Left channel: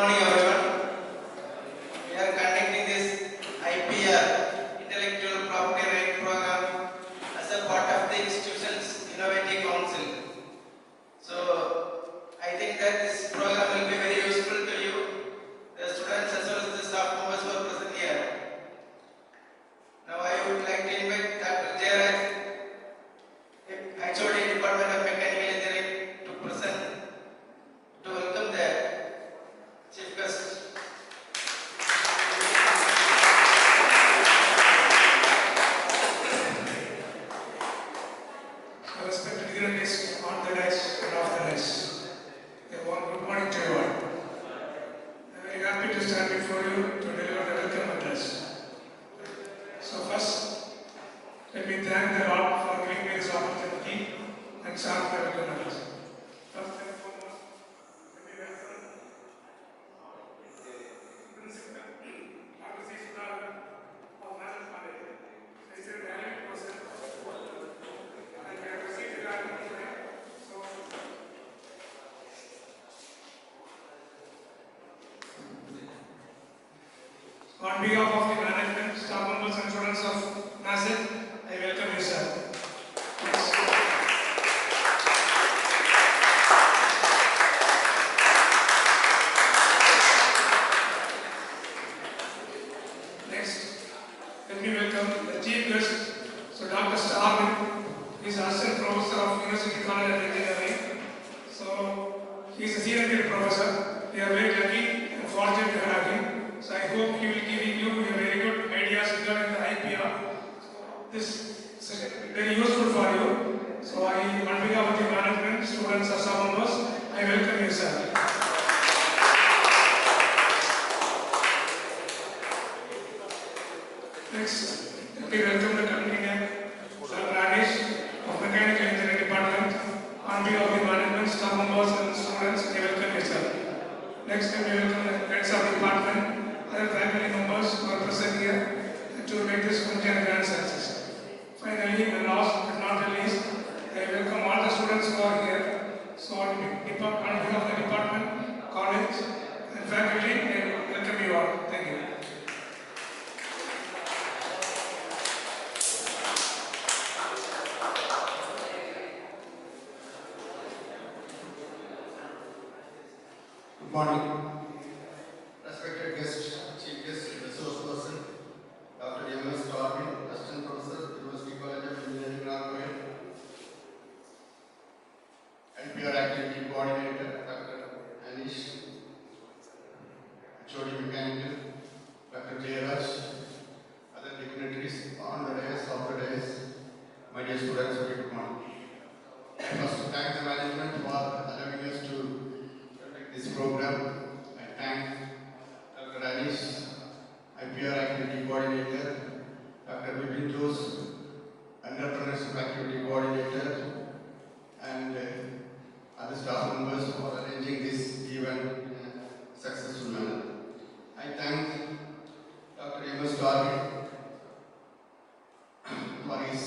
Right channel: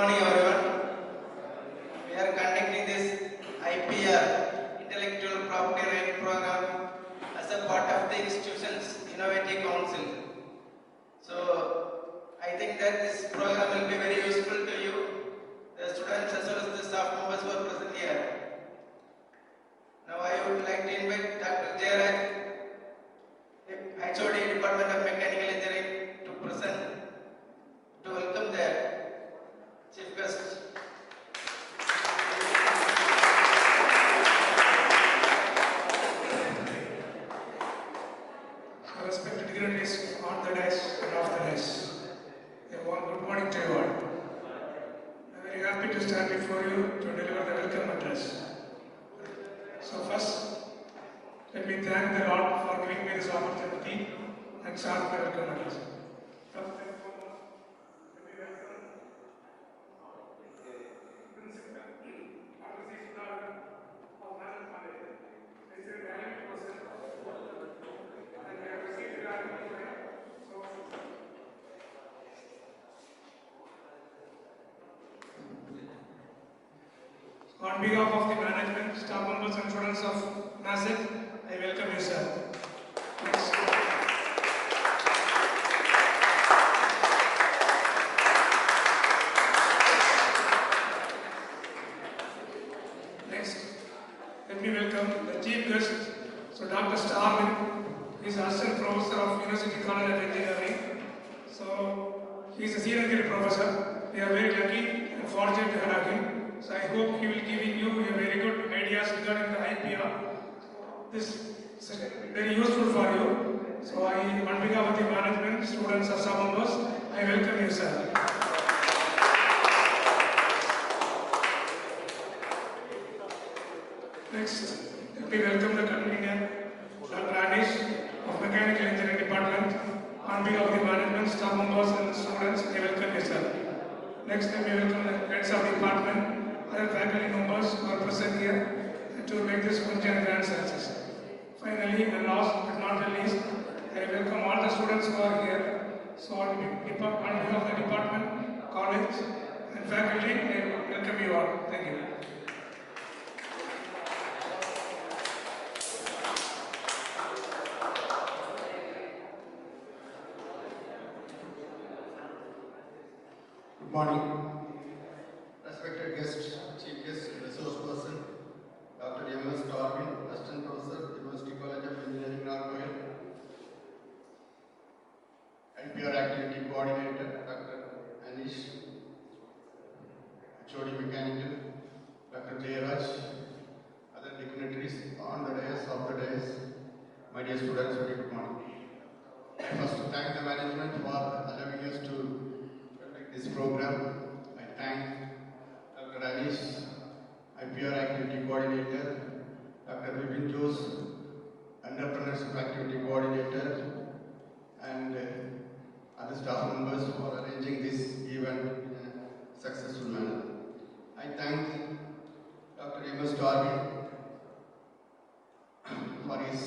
morning everyone. We are conducting this IPR, Intellectual Property Right Program, as a part of the institution's Innovative Council. So I think that this program will be very useful to you, the students as well as the staff members who are present here. Now I would like to invite Dr. Jairaj, HOD Department of Mechanical Engineering, to present, to welcome the chief guest. So respected dignitaries on the dais and off the dais, good morning to everyone. I am very happy to stand before you to deliver the welcome address. So first, let me thank the Lord for giving me this opportunity and start my welcome address. First and foremost, let me welcome Principal Dr. Sr.Gr. of Nagercoil. He is a valued person and we have received the value today. So, on behalf of the management, staff members and students of MACET, I welcome you, sir. Next. Next, let me welcome the chief guest, so Dr. STARVIN. He is Assistant Professor of University College of Engineering. So, he is a Sr.Gr. professor. We are very lucky and fortunate to have him. So, I hope he will give you a very good ideas regarding the IPR. This is very useful for you. So, on behalf of the management, students, and staff members, I welcome you, sir. Next, let me welcome the convener, Organises of Mechanical Engineering Department. On behalf of the management, staff members, and students, I welcome you, sir. Next, let me welcome the heads of the department, other faculty members who are present here to make this function a grand success. Finally, and last but not the least, I welcome all the students who are here. So, on behalf of the department, college, and faculty, I welcome you all. Thank you. Good morning. Respected guest, chief guest, resource person, Dr. STARVIN, Assistant Professor, University College of Engineering, Nagercoil, NPR Activity Coordinator, Dr. Anish, HOD Mechanical, Dr. Jairaj, other dignitaries on the dais, off the dais, my dear students, very good morning. I first thank the management for allowing us to this program. I thank Dr. Anish, IPR Activity Coordinator, Dr. Vipin Jose, Entrepreneurship Activity Coordinator, and other staff members for arranging this event in a successful manner. I thank Dr. STARVIN for his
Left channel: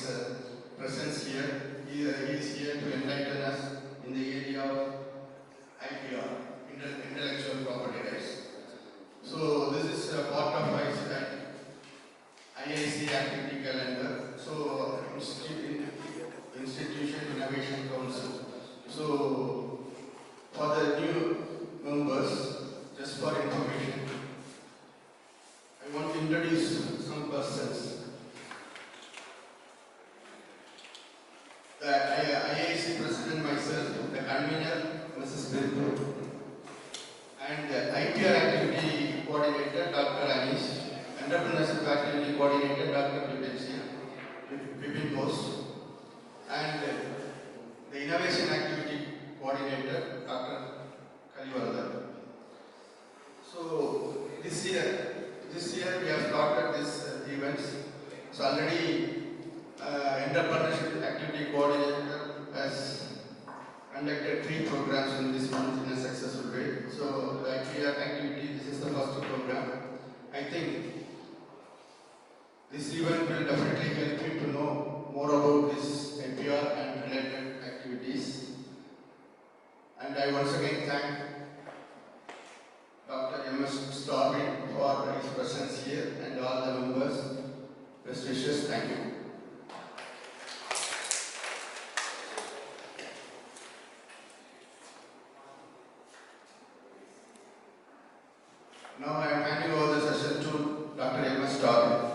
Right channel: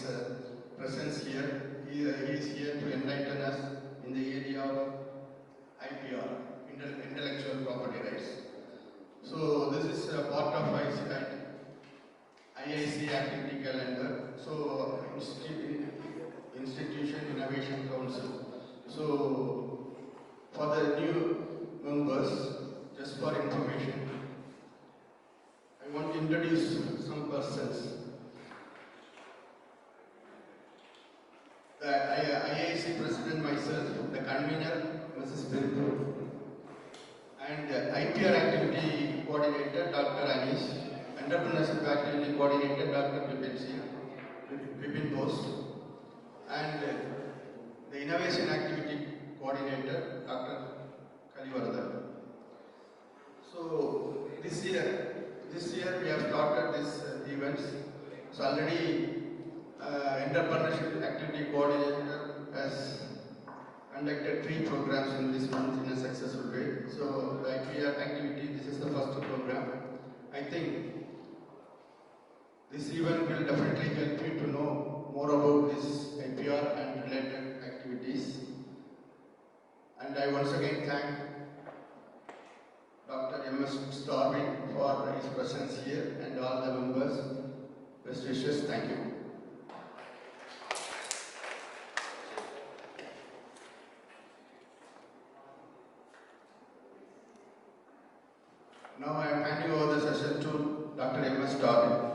presence here. He is here to enlighten us in the area of IPR, Intellectual Property Rights. So this is a part of IIC activity calendar. So Institution Innovation Council. So for the new members, just for information, I want to introduce some persons. The IIC President myself, the convener, Mrs. Bindu, and IPR Activity Coordinator, Dr. Anish, Entrepreneurship Activity Coordinator, Dr. Vipin Jose, and the Innovation Activity Coordinator, Dr. Kalivarada. So this year we have started this events. So already Entrepreneurship Activity Coordinator has conducted 3 programs in this month in a successful way. So the IPR activity, this is the first program. I think this event will definitely help you to know more about this IPR and related activities. And I once again thank Dr. STARVIN for his presence here and all the members. Best wishes. Thank you. Now I am handing over the session to Dr. STARVIN.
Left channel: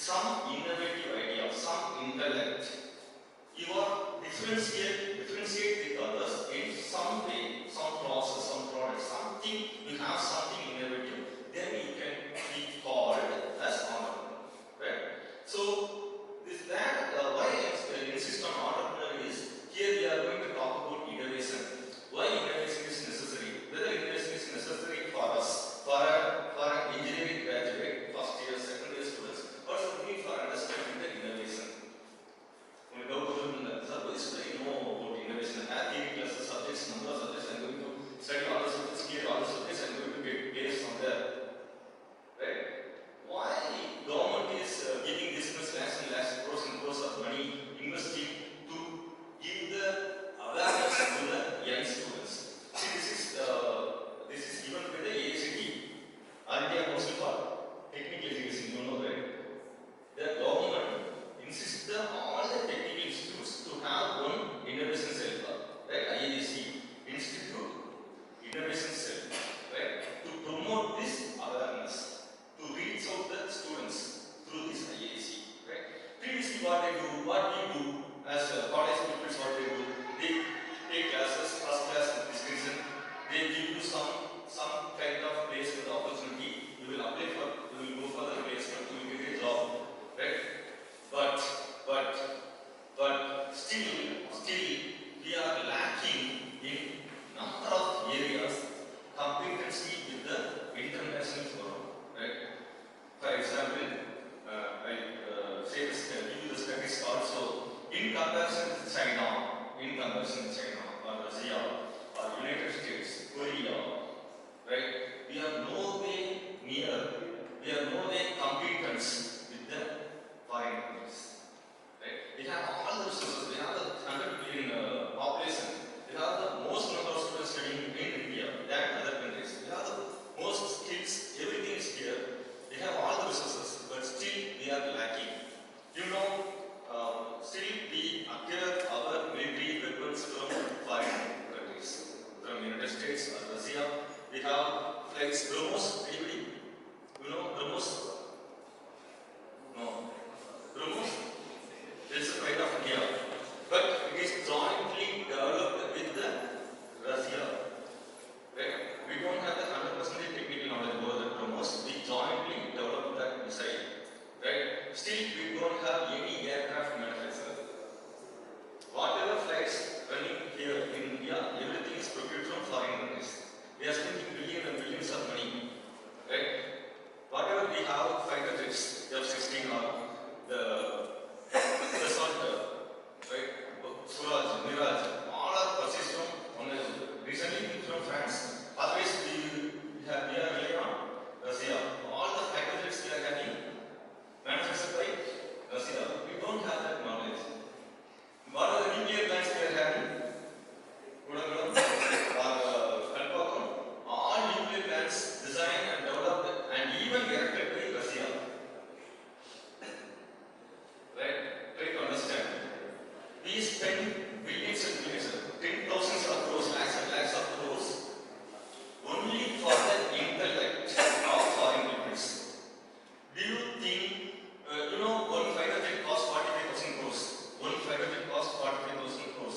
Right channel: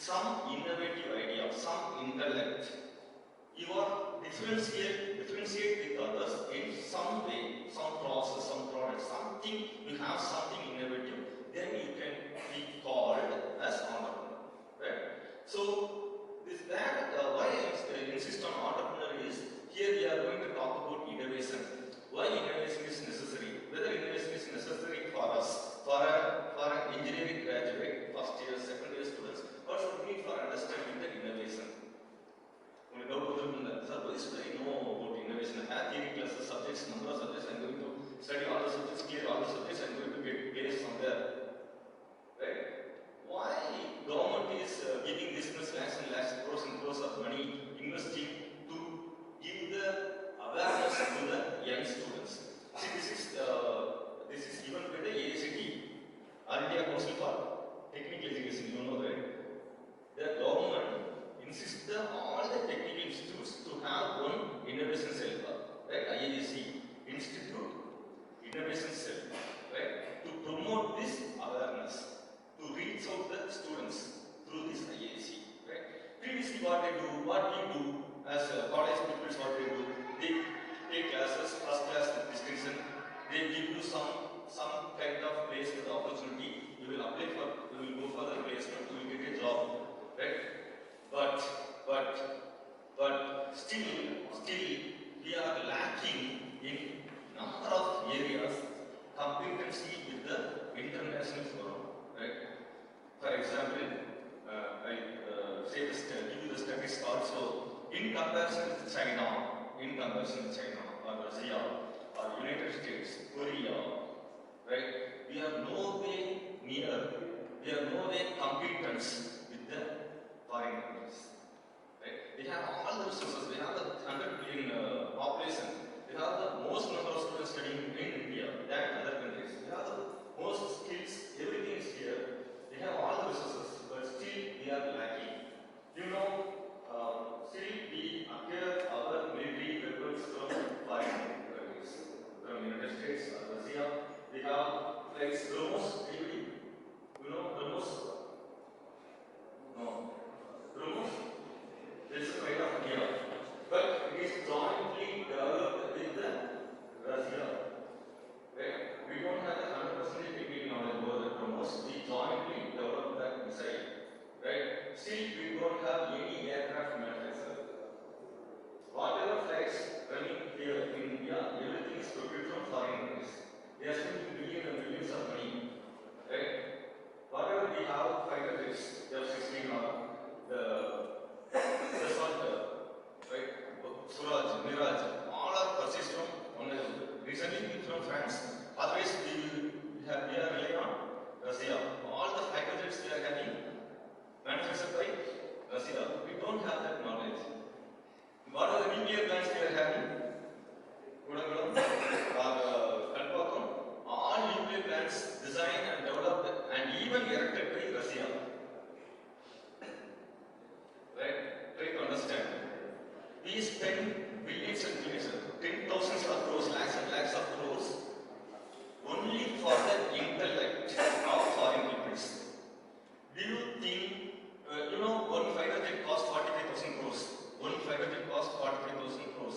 Some innovative differentiate with others in some way, some process, some product, something, you have something innovative, then you can be called as entrepreneur, right? So, why I insist on entrepreneur is, here we are going to talk about innovation. Why innovation is necessary? Whether innovation is necessary for us, for an engineering graduate, first year, second year students, or should we for understanding the innovation? When we go to the service, I know about innovation. I have theory classes, subjects, number of subjects. I'm going to study all the subjects, clear all the subjects. I'm going to get placed from there. Right? Why government is giving this much lakhs and lakhs, crores and crores of money, investing to give the awareness to the young students? See, this is given by the ACT, All India Council for Technical Education. You know, right? The government insists all the technical institutes to have one innovation cell, right? IAC, Institute Innovation Cell, right? To promote this awareness, to reach out the students through this IAC, right? Previously, what we do as college pupils, what they do, they take classes, first class with distinction. They give you some kind of placement opportunity. You will apply for, you will go for the placement, you will get a job, right? But still we are lacking in number of areas competency with the international forum, right? For example, I give you the statistics also. In comparison with China, or Russia, or United States, Korea, right? We are no way competent with the foreign countries. Right? We have all the resources. We have the 100 billion population. We have the most number of students studying in India than other countries. We have the most skills. Everything is here. We have all the resources, but still we are lacking. You know, still we acquire our military weapons from foreign countries, from United States or Russia. We have flights. BrahMos. Anybody? You know BrahMos? No. BrahMos? It's a pride of India, but it is jointly developed with the Russia. Right? We don't have the 100% technical knowledge over the BrahMos. We jointly developed that missile. Right? Still, we don't have any aircraft manufacturer. Whatever flights running here in India, everything is procured from foreign countries. We are spending billions and billions of money. Right? Whatever we have, fighter jets, F-16 or the Assault, right? Suraj, Miraj, all are purchased from recently from France. Otherwise, we are relying on Russia. All the fighter jets they are having manufactured by Russia. We don't have that knowledge. What are the nuclear plants they are having? Kudangalam or Kalpakkam. All nuclear plants designed and developed and even erected by Russia. Right? Try to understand. We spend billions and billions, 10,000s of crores, lakhs and lakhs of crores only for the intellect of foreign countries. Do you think, one fighter jet costs 45,000 crores? One fighter jet costs 45,000 crores.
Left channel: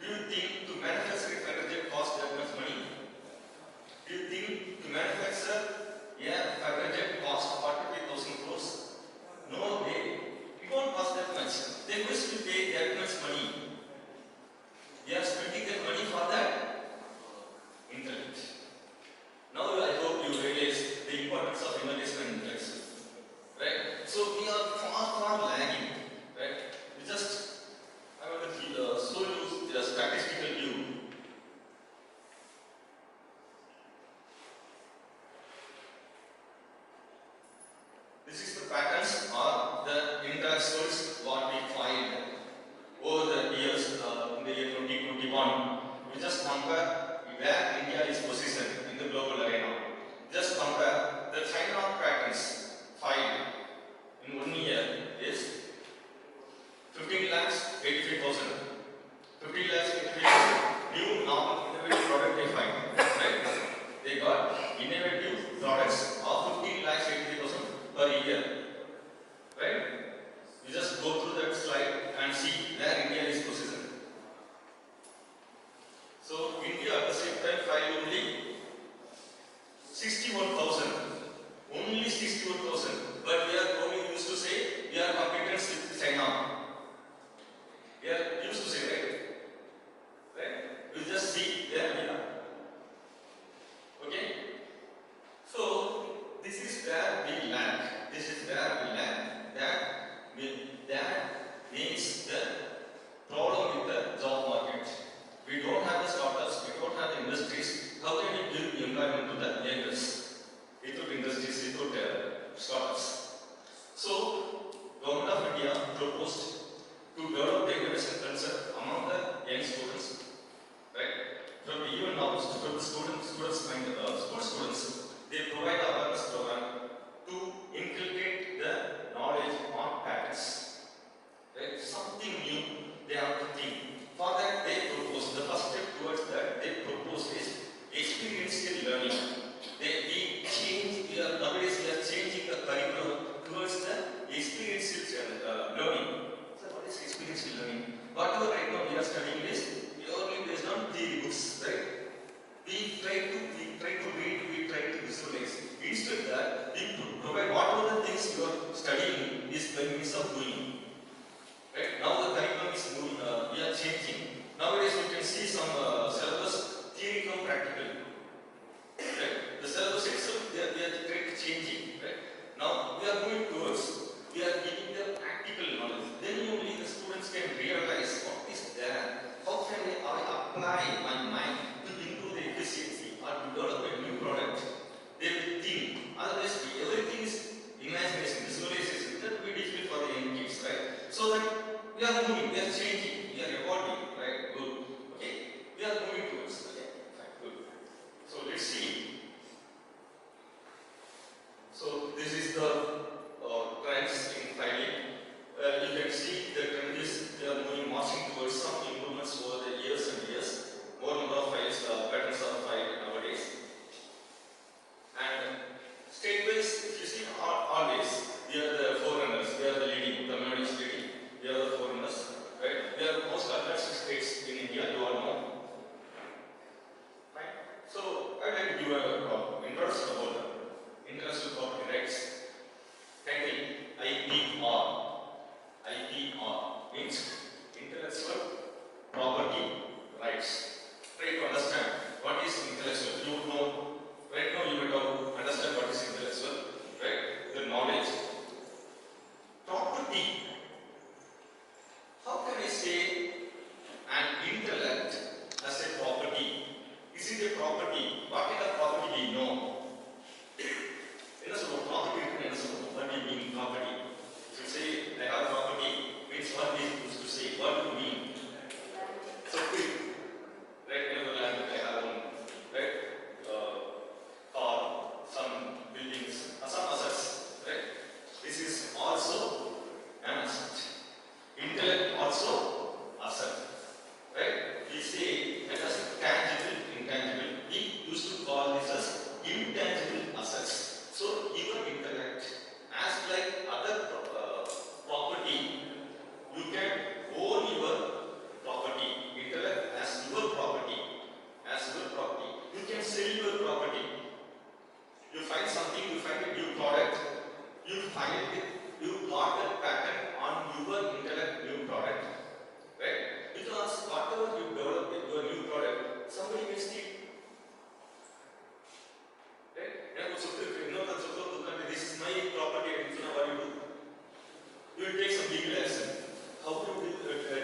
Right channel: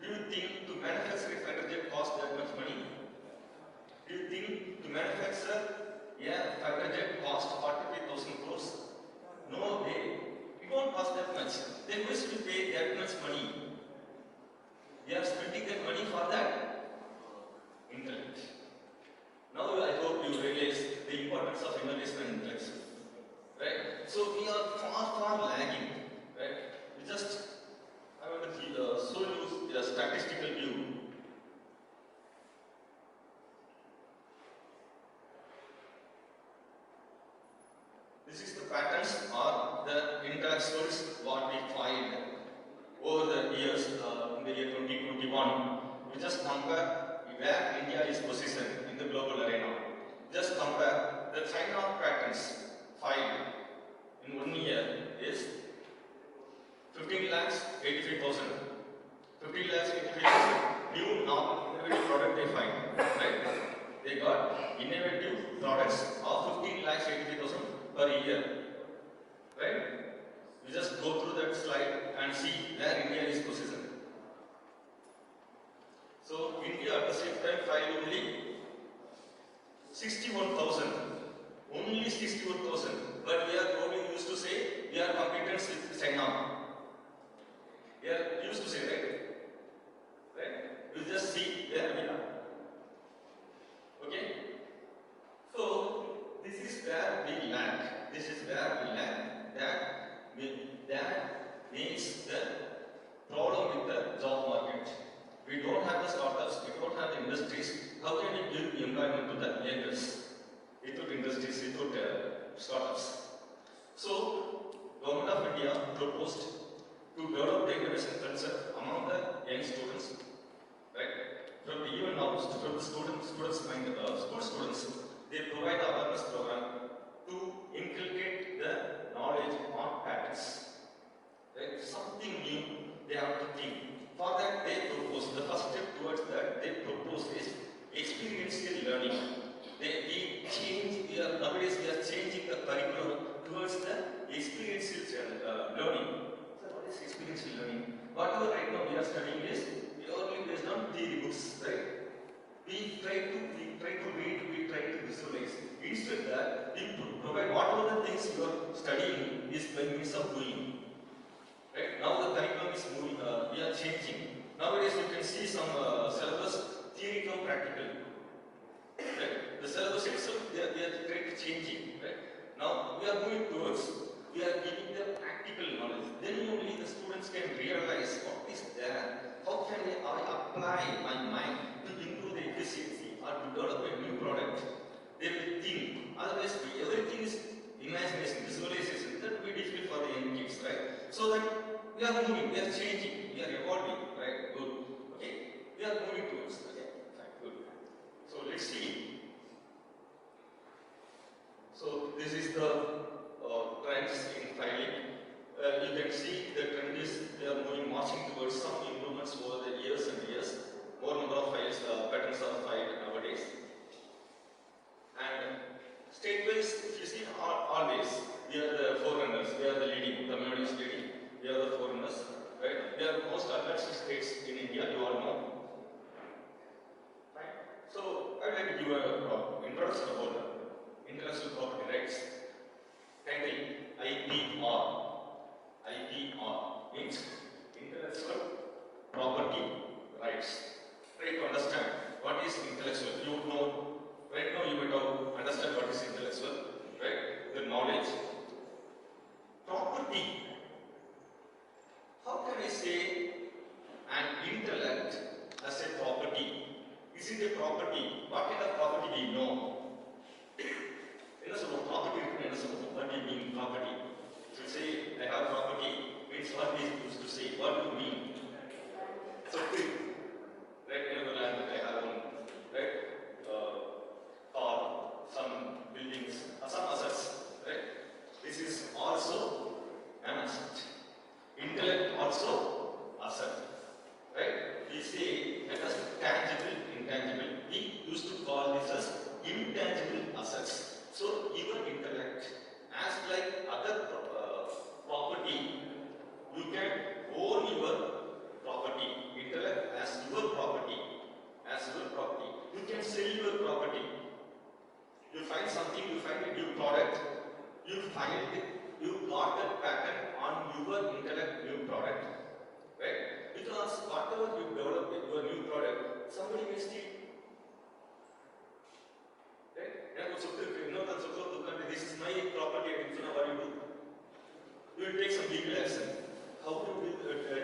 Do you think to manufacture a fighter jet costs that much money? Do you think to manufacture a fighter jet costs 45,000 crores? No way. It won't cost that much. They wish to pay that much money. They are spending that money for that intellect. Now I hope you realize the importance of innovation and intellect. Right? So we are far lagging. Right? I want to show you the statistical view. This is the patterns or the intellectuals what we find over the years in the year 2021. We just compare where India is positioned in the global arena. Just compare the China patterns filed in 1 year is 15,85,000. 15,85,000 new novel innovative product they find. Right? They got innovative products of 15,85,000 per year. Right? You just go through that slide and see where India is positioned. 64,000. But we are only used to say we are competitors with China. We are used to say, right? Right? We just see their data. Okay? So this is where we lack. This is where we lack. That means the problem with the job market. We don't have the startups, we don't have the industries. How can we give employment to the youngers? Without industries, without startups. So, Government of India proposed to develop the innovation culture among the young students. Right? From even now, from the school students, they provide awareness program to inculcate the knowledge on patents. Right? Something new they have to think. For that, they propose the first step towards that. They propose is experiential learning. Nowadays we are changing the curriculum towards the experiential learning. So what is experiential learning? Whatever right now we are studying is purely based on theory books, right? We try to read, we try to visualize. Instead that we provide whatever the things you are studying is by means of doing. Right? Now the curriculum is moving, we are changing. Nowadays you can see some syllabus theory come practical. Right? The syllabus itself they are changing. Right? Now we are moving towards, we are giving them practical knowledge. Then only the students can realize what is there. How can I apply my mind to improve the efficiency or to develop a new product? They will think. Otherwise everything is imagination, visualization. That will be difficult for the young kids, right? So that we are moving, we are changing, we are evolving, right? Good. Okay? We are moving towards. Okay? Fine, good. So let's see. So this is the trends in filing. You can see the trend is they are moving, marching towards some improvements over the years and years. More number of files, patents are filed nowadays. And state-wise, if you see, always we are the forerunners, we are the leading, Tamil Nadu is leading, we are the forerunners, right? We are the most advanced states in India, you all know. Right? So, I would like to give a introduction about the intellectual property rights. Title IPR. IPR means intellectual property rights. Try to understand what is intellectual. You would know, right now you might have understand what is intellectual, right? The knowledge. Property. How can I say an intellect as a property? Is it a property? What kind of property we know? Property, what do you mean property? If you say I have property, means what is used to say? What do you mean? So quick, right? In the land I have one, right? Car, some buildings, some assets, right? This is also an asset. Intellect also asset, right? We say that as tangible, intangible. We used to call this as intangible assets. So even intellect, as like other property, you can own your property. Intellect as your property, You can sell your property. You find something, you find a new product, you got a patent on your intellect new product, right? Because whatever you develop in your new product, somebody will steal. This is my property, and what you do? You will take some legal action. How do you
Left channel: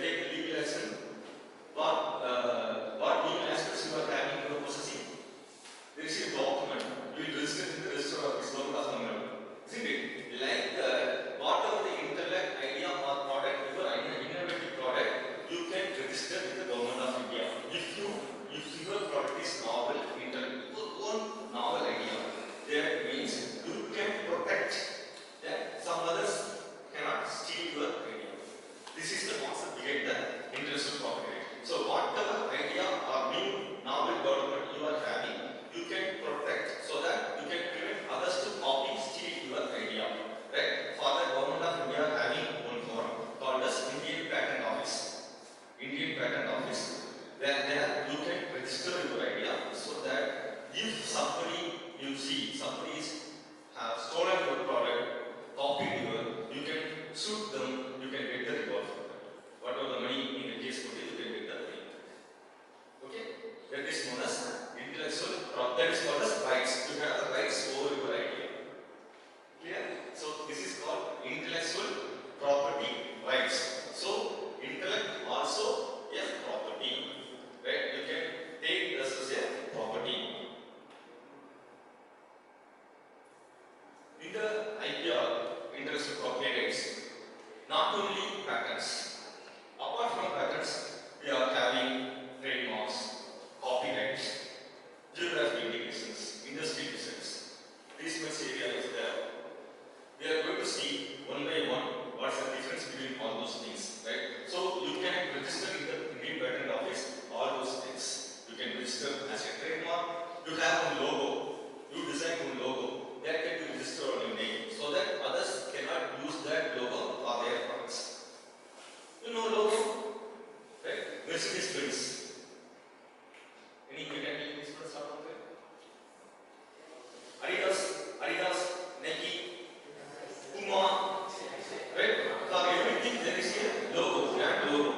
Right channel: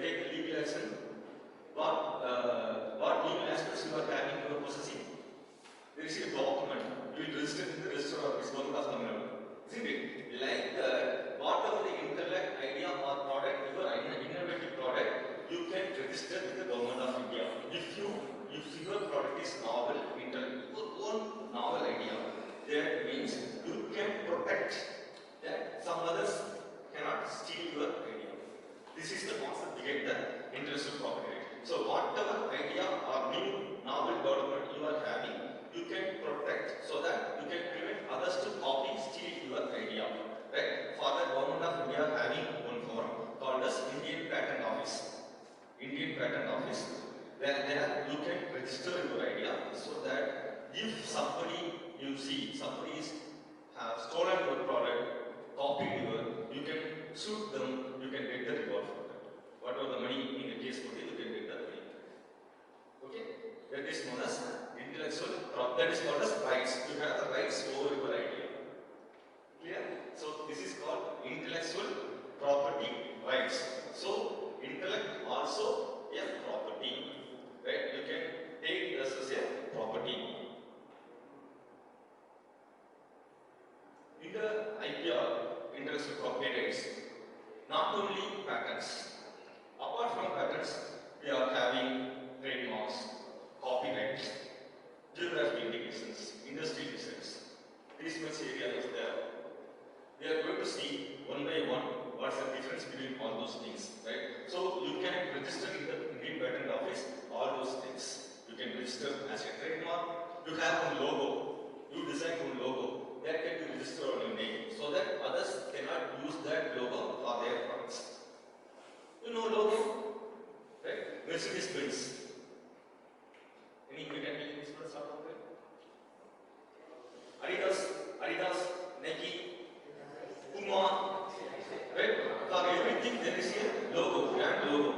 take legal action? What legal aspects you are having in your possessing? There is a document. You will register in the register of this Government of Tamil Nadu. Isn't it? Like the only patents. Apart from patents, we are having trademarks, copyrights, geographic indications, industry designs. This much area is there. We are going to see one by one what's the difference between all those things, right? So you can register in the Indian Patent Office all those things. You can register as a trademark. You have one logo. You design one logo that can be registered on your name, so that others cannot use that logo for their products. You know logo, right? Mercedes-Benz. Any mechanical experts out there? Adidas, Nike, Puma, right? For everything there is a logo, brand logo.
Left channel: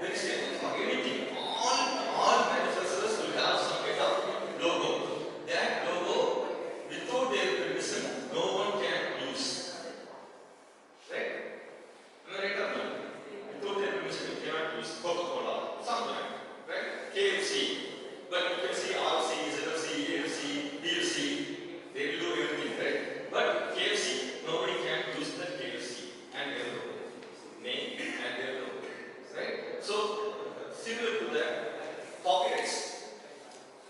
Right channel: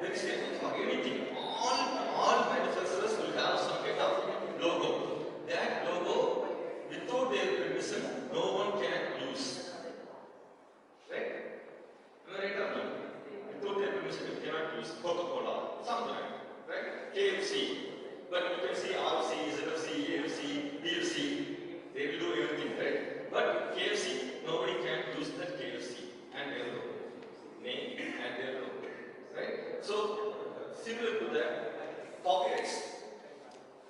There is a, for anything, all manufacturers will have some kind of logo. That logo, without their permission, no one can use. Right? Am I right or no? Without their permission, you cannot use Coca-Cola, some brand, right? KFC. But you can see RC, ZFC, AFC, BFC, they will do everything, right? But KFC, nobody can use the KFC and their name and their logo, right? So, similar to that, copyrights.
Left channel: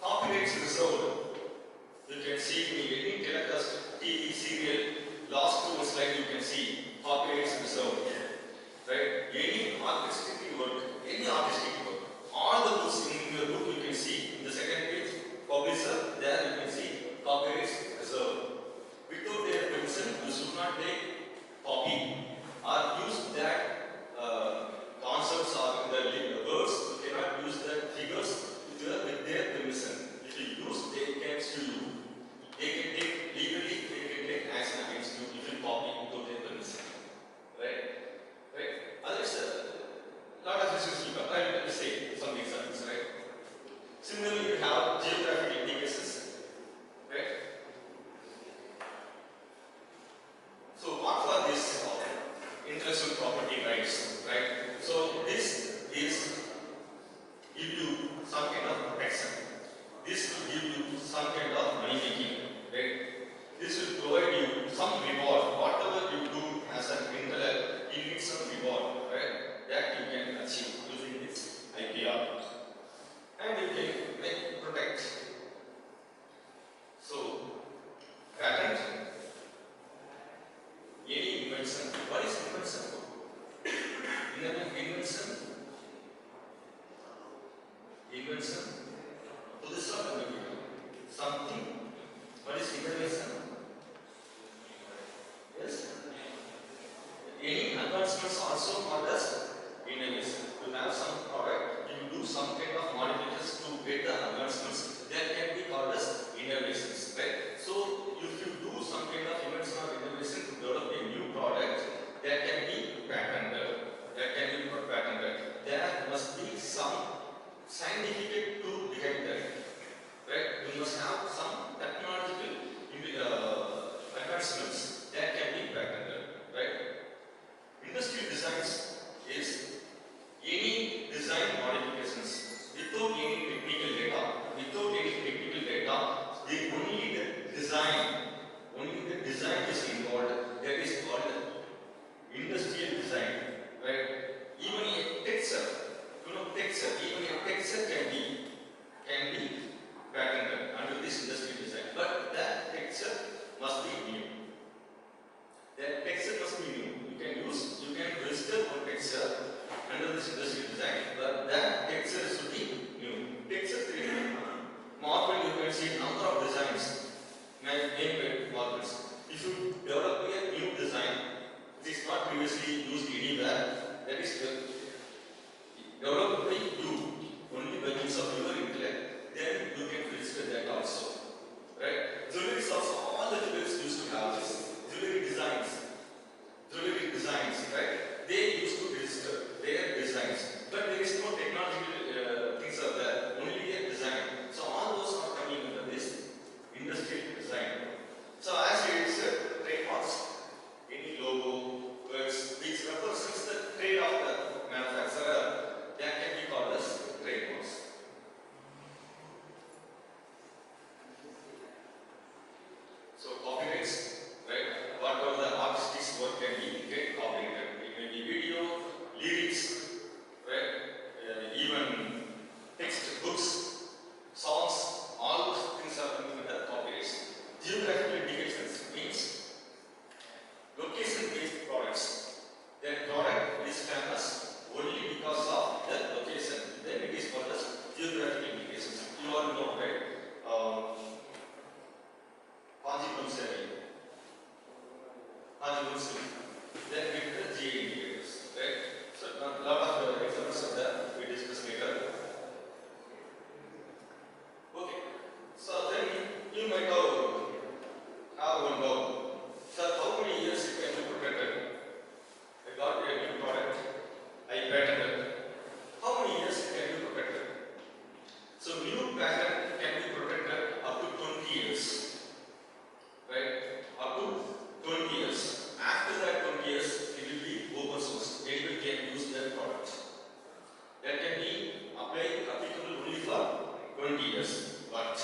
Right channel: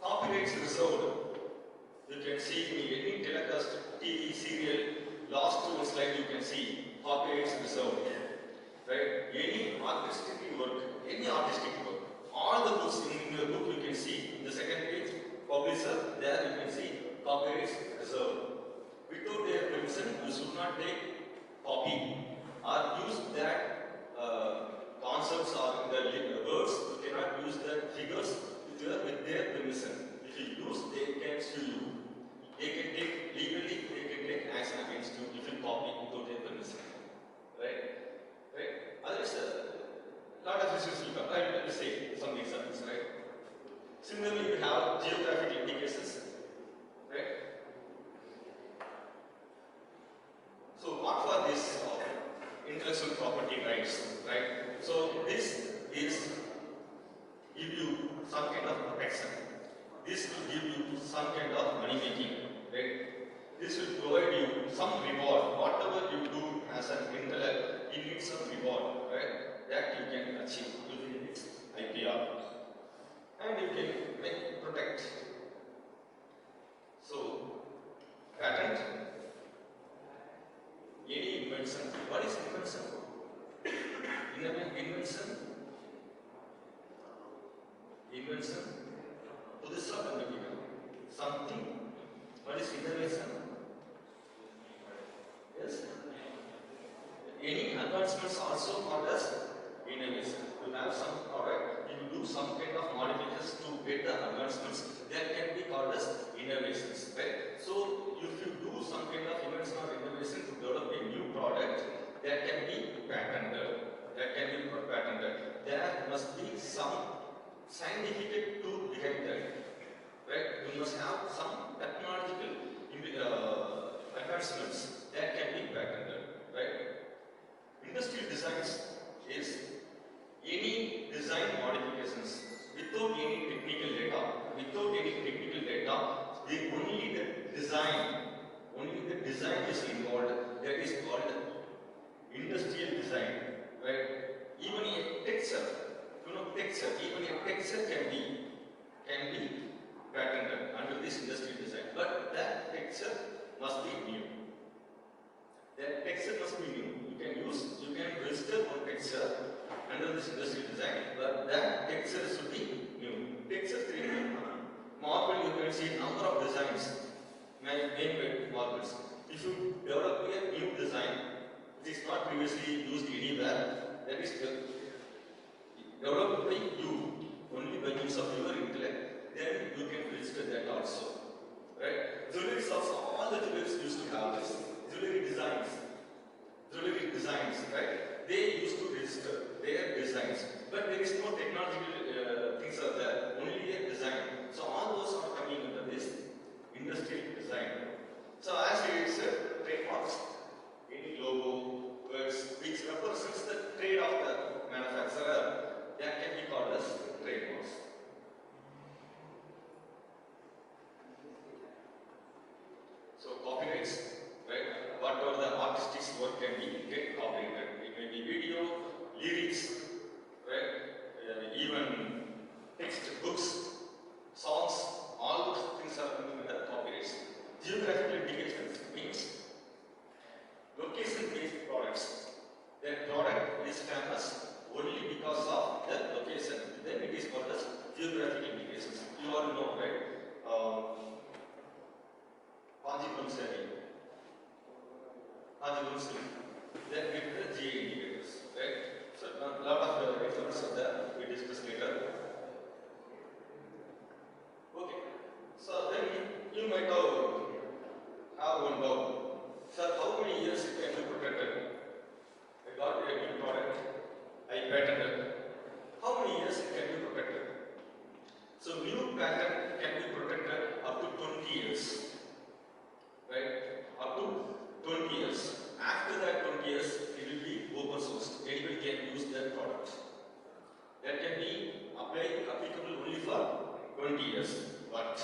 Copyrights reserved. You can see in any telecast, TV, serial, last two slide you can see copyrights reserved, right? Any artistic work, all the books in your book you can see in the second page, publisher, there you can see copyrights reserved. Without their permission, you should not take copy or use that concepts or the words. You cannot use the figures with their permission. If you use, they can sue you. They can take legally, they can take action against you if you copy without their permission. Right? Right? Others, lot of issues will come. I will say some examples, right? Similarly, you have geographic indications, right? So, what for this intellectual property rights, right? So, this is give you some kind of protection. This will give you some kind of money making, right? This will provide you some reward. Whatever you do as an intellect, you need some reward, right? That you can achieve using this IPR. And you can protect. So, patent, any invention. What is invention? Invention. Invention. புதுசா கண்டுபிடிக்கணும். Something. What is innovation? Yes. Any advancements also called as innovation. You have some product, you do some kind of modifications to get the advancements. That can be called as innovations, right? So, if you do some kind of invention or innovation to develop a new product, that can be patented. There must be some scientific tool behind that, right? You must have some technological advancements that can be patented, right? Industrial designs is any design modifications without any technical data, only the design is involved. That is called industrial design, right? Even a texture, even a texture can be patented under this industrial design. But that texture must be new. You can register one texture under this industrial design, but that texture should be new. Texture 3. Marble, you can see number of designs named marbles. If you develop a new design which is not previously used anywhere, that is developed by you, only by use of your intellect, then you can register that also. Right? Jewelry also, all the jewelers used to have this. Jewelry designs, right? They used to register their designs. But there is no technological things are there, only a design. So all those are coming under this industrial design. So as you said, trademarks, famous only because of the location. Then it is called as geographic indications. You all know, right? Conjugal area. Conjugal area. Then we get the GA indicators, right? So a lot of examples of that we discuss later. Okay. So then you might have one doubt. Sir, how many years it can be protected? I got a new product, I patented. How many years it can be protected? So new patent can be protected up to 20 years. Right? Up to 20 years. After that 20 years, it will be open source. Anybody can use that product. That can be applicable only for 20 years. But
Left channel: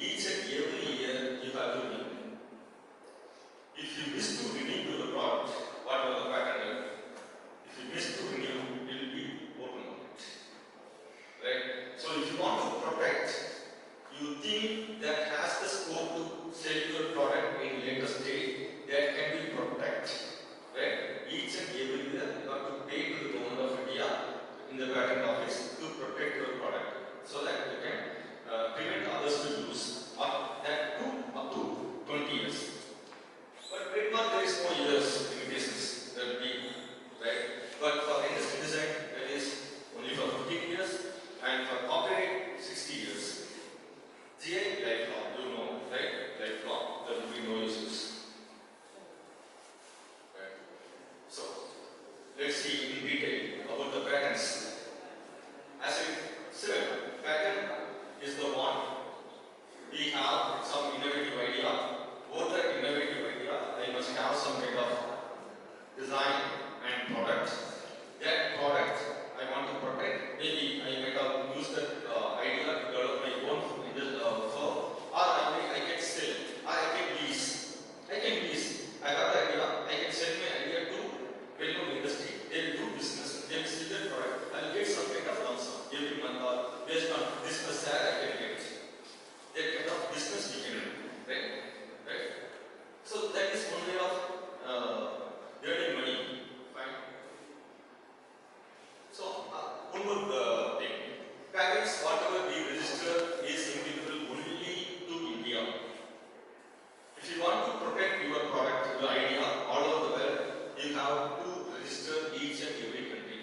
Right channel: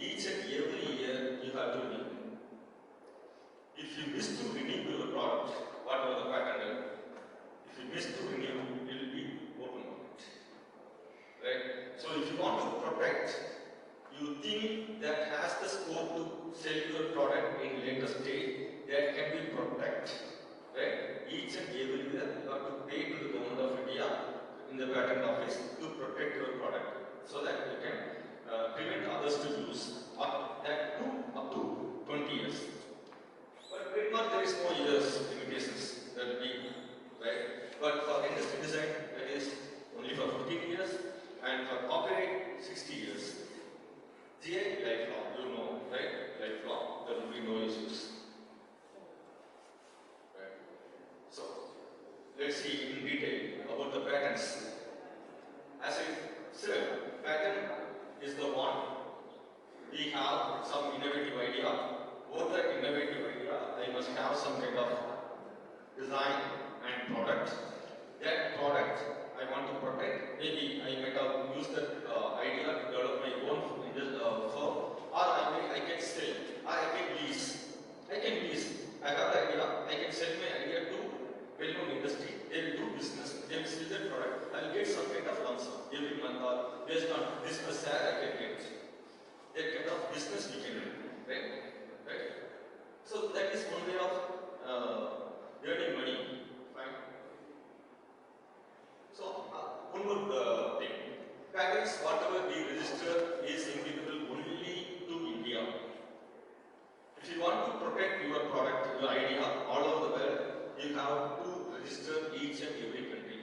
each and every year you have to renew. If you wish to renew your product, whatever the patent, if you wish to renew, it will be open market. Right? So if you want to protect, you think that has the scope to sell your product in later stage, that can be protected. Right? Each and every year you have to pay to the government of India in the patent office to protect your product so that you can prevent others to use up to 20 years. But trademark there is no years limitations, that will be right. But for industry design that is only for 15 years and for copyright 60 years. GI lifelong, you know, right? Lifelong, there will be no issues. Right. So let's see in detail about the patents. As I said, patent is the one. We have some innovative idea. For that innovative idea, I must have some kind of design and product. That product I want to protect. Maybe I might have used that idea to develop my own firm, or I can sell, or I can lease. I have the idea. I can sell my idea to well-known industry. They will do business. They will sell their product. I will get some kind of lump sum every month, or based on this share I can get. That kind of business we can do, right? So that is one way of earning money. Fine. So one more thing. Patents, whatever we register, is applicable only to India. If you want to protect your product, your idea all over the world, you have to register each and every country.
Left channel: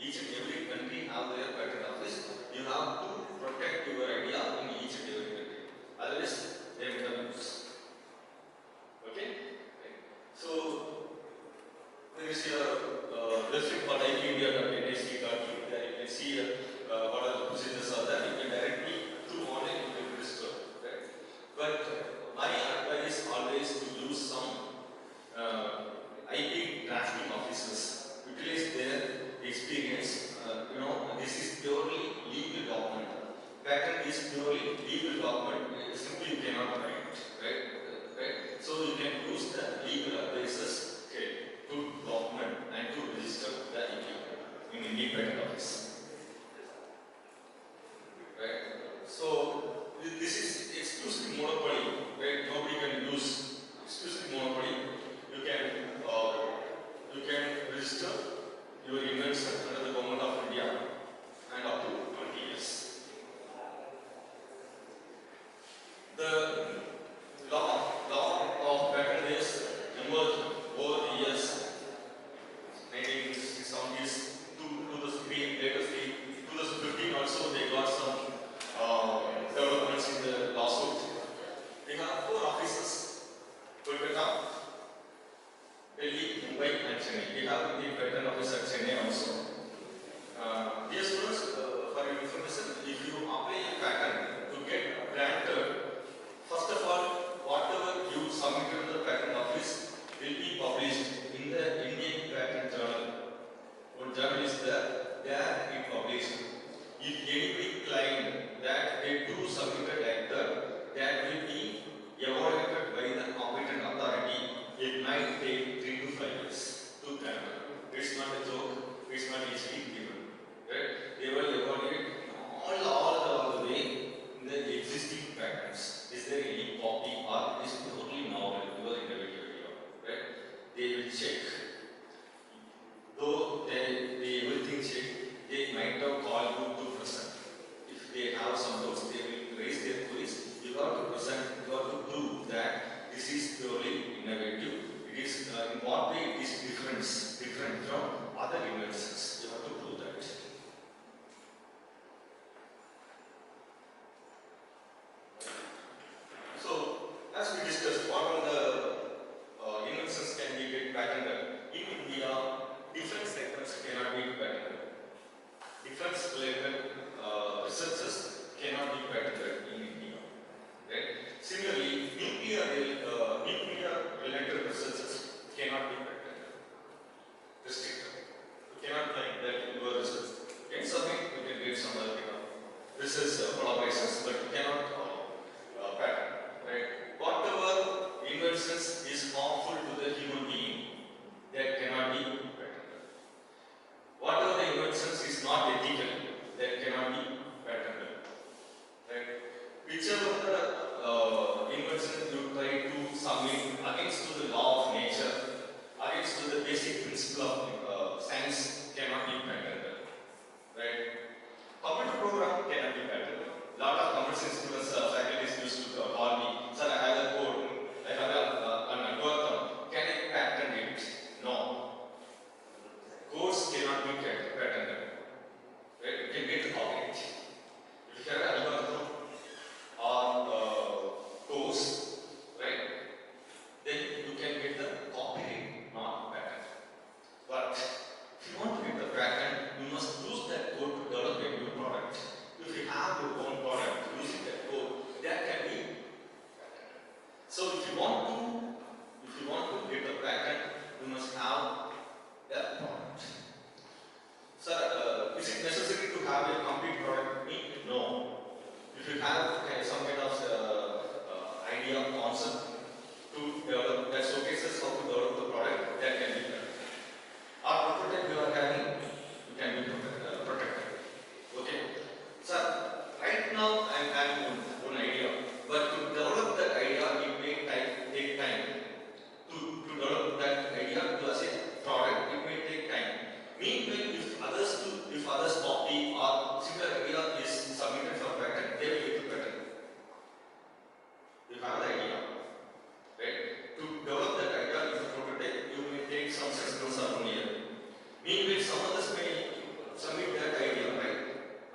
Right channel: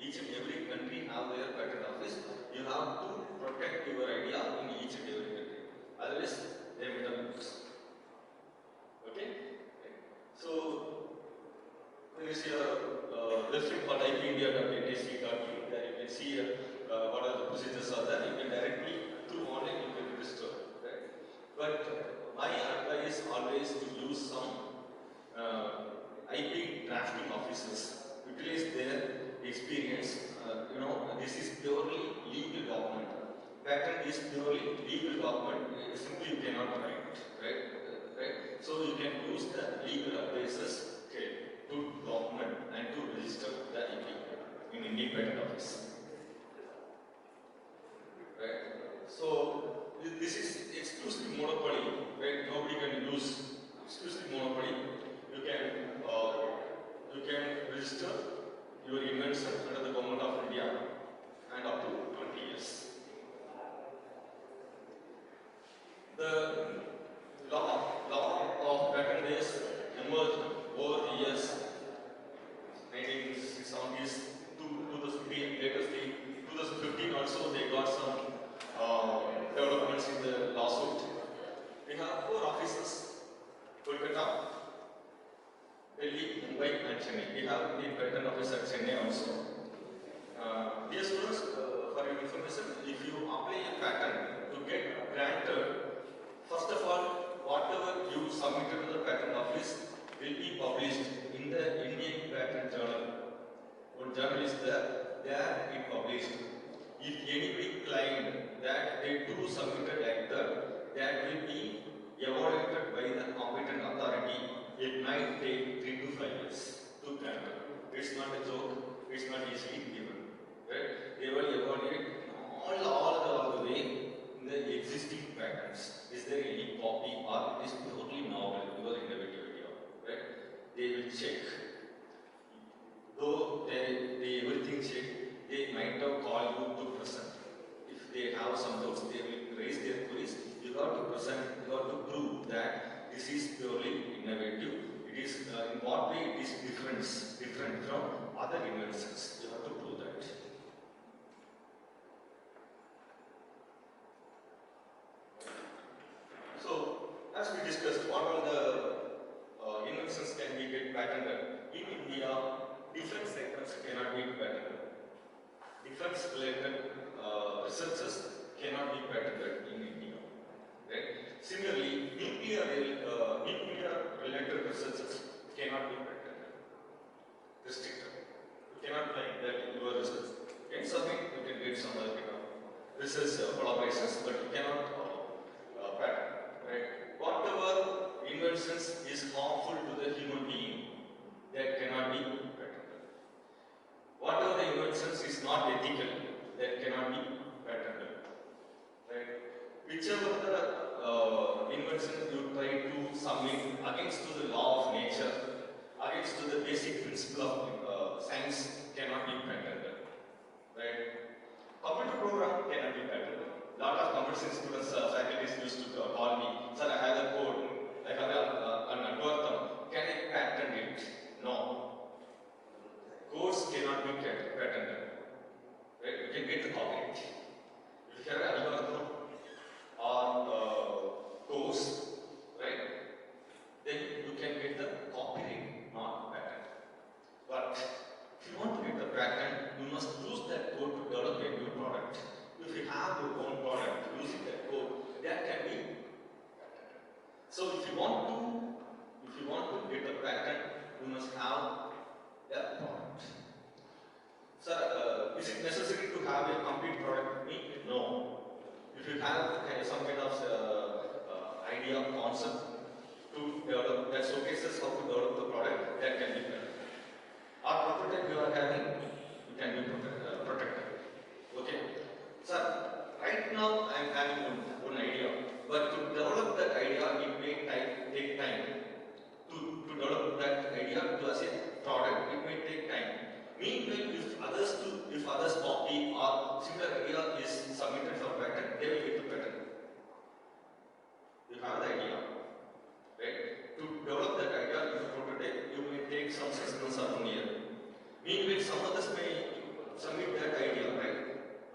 Each and every country have their patent office. You have to protect your idea in each and every country. Otherwise, they will not use. Okay? So, there is a website called ipindia.nic.in. There you can see what are the procedures are there. You can directly, through online, you can register. Right? But my advice is always to use some IP drafting officers. Utilize their experience. This is purely legal document. Patent is purely legal document. Simply you cannot write, right? So you can use the legal advisors to document and to register the IP in Indian Patent Office, right? So this is exclusive monopoly, right? Nobody can use exclusive monopoly. You can register your invention under the government of India and up to 20 years. The law of patent is emerged over the years, 1970s, 2003, later 2015 also they got some developments in the lawsuit. They have 4 offices: Kolkata, Delhi, Mumbai and Chennai. They have the patent office at Chennai also. Dear students, for your information, if you apply a patent to get granted, first of all, whatever you submitted to the patent office will be published in the Indian Patent Journal. One journal is there it published. If anybody claim that they too submitted like that will be evaluated by the competent authority. It might take 3 to 5 years to grant it. It's not a joke, it's not easily given. Right? They will evaluate all the way in the existing patents. Is there any copy or is totally novel, your innovative idea? Right? They will check. patented. In India, defense sectors cannot be patented. Defense related researches cannot be patented in India. Right? Similarly, nuclear related researches cannot be patented. Restricted. You cannot claim that you are research. You can submit, you can get some other kind of research collaborations, but you cannot patent. Right? Whatever inventions is harmful to the human being, that cannot be patented. Whatever the inventions is not ethical, that cannot be patented. Right? Whichever the invention you try to submit against to the law of nature, against to the basic principle of science, cannot be patented. Right? Computer program cannot be patented. Lot of commercial students, faculties used to call me, sir, I have a code, I have an algorithm, can I patent it? No. Codes cannot be patented. Right? You can get the copyright. If you have an algorithm or course, right, then you can get the copyright, not patent. But if you want to get the patent, you must use that code to develop a new product. If you have your own product using that code, that can be patented. So if you want to get a patent, you must have a product. Sir, is it necessary to have a complete product? No. If you have some kind of idea, concept to develop, that showcases how to develop the product, that can be done. Our prototype you are having, you can be protected. Okay? Sir, right now I am having one idea, but to develop that idea, it may take time. To develop that idea to as a product, it may take time. Meanwhile, if others copy or similar idea is submitted for patent, they will get the patent. You have the idea, right? To develop that idea in a prototype, you may take some 6 months or 1 year. Meanwhile, some others may submit that idea, right?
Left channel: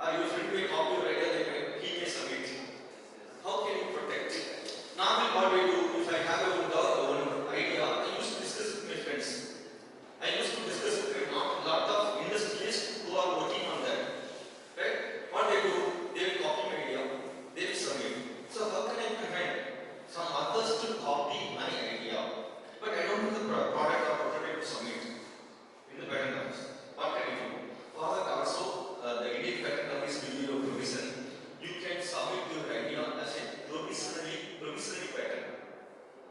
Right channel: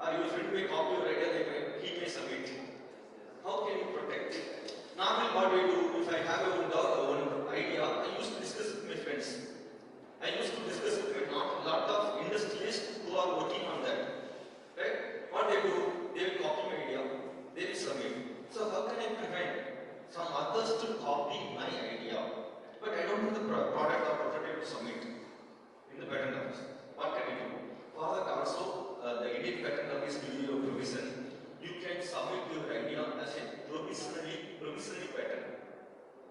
Or your friend may copy your idea, he may submit. How can you protect? Normally, what we do, if I have one idea, I used to discuss with my friends. I used to discuss with a lot of industrialists who are working on that. Right? What they do, they will copy my idea, they will submit. So how can I prevent some others to copy my idea? But I don't have the product or prototype to submit in the patent office. What can I do? For that also, the Indian Patent Office will give you a provision. You can submit your idea as a provisionally patent.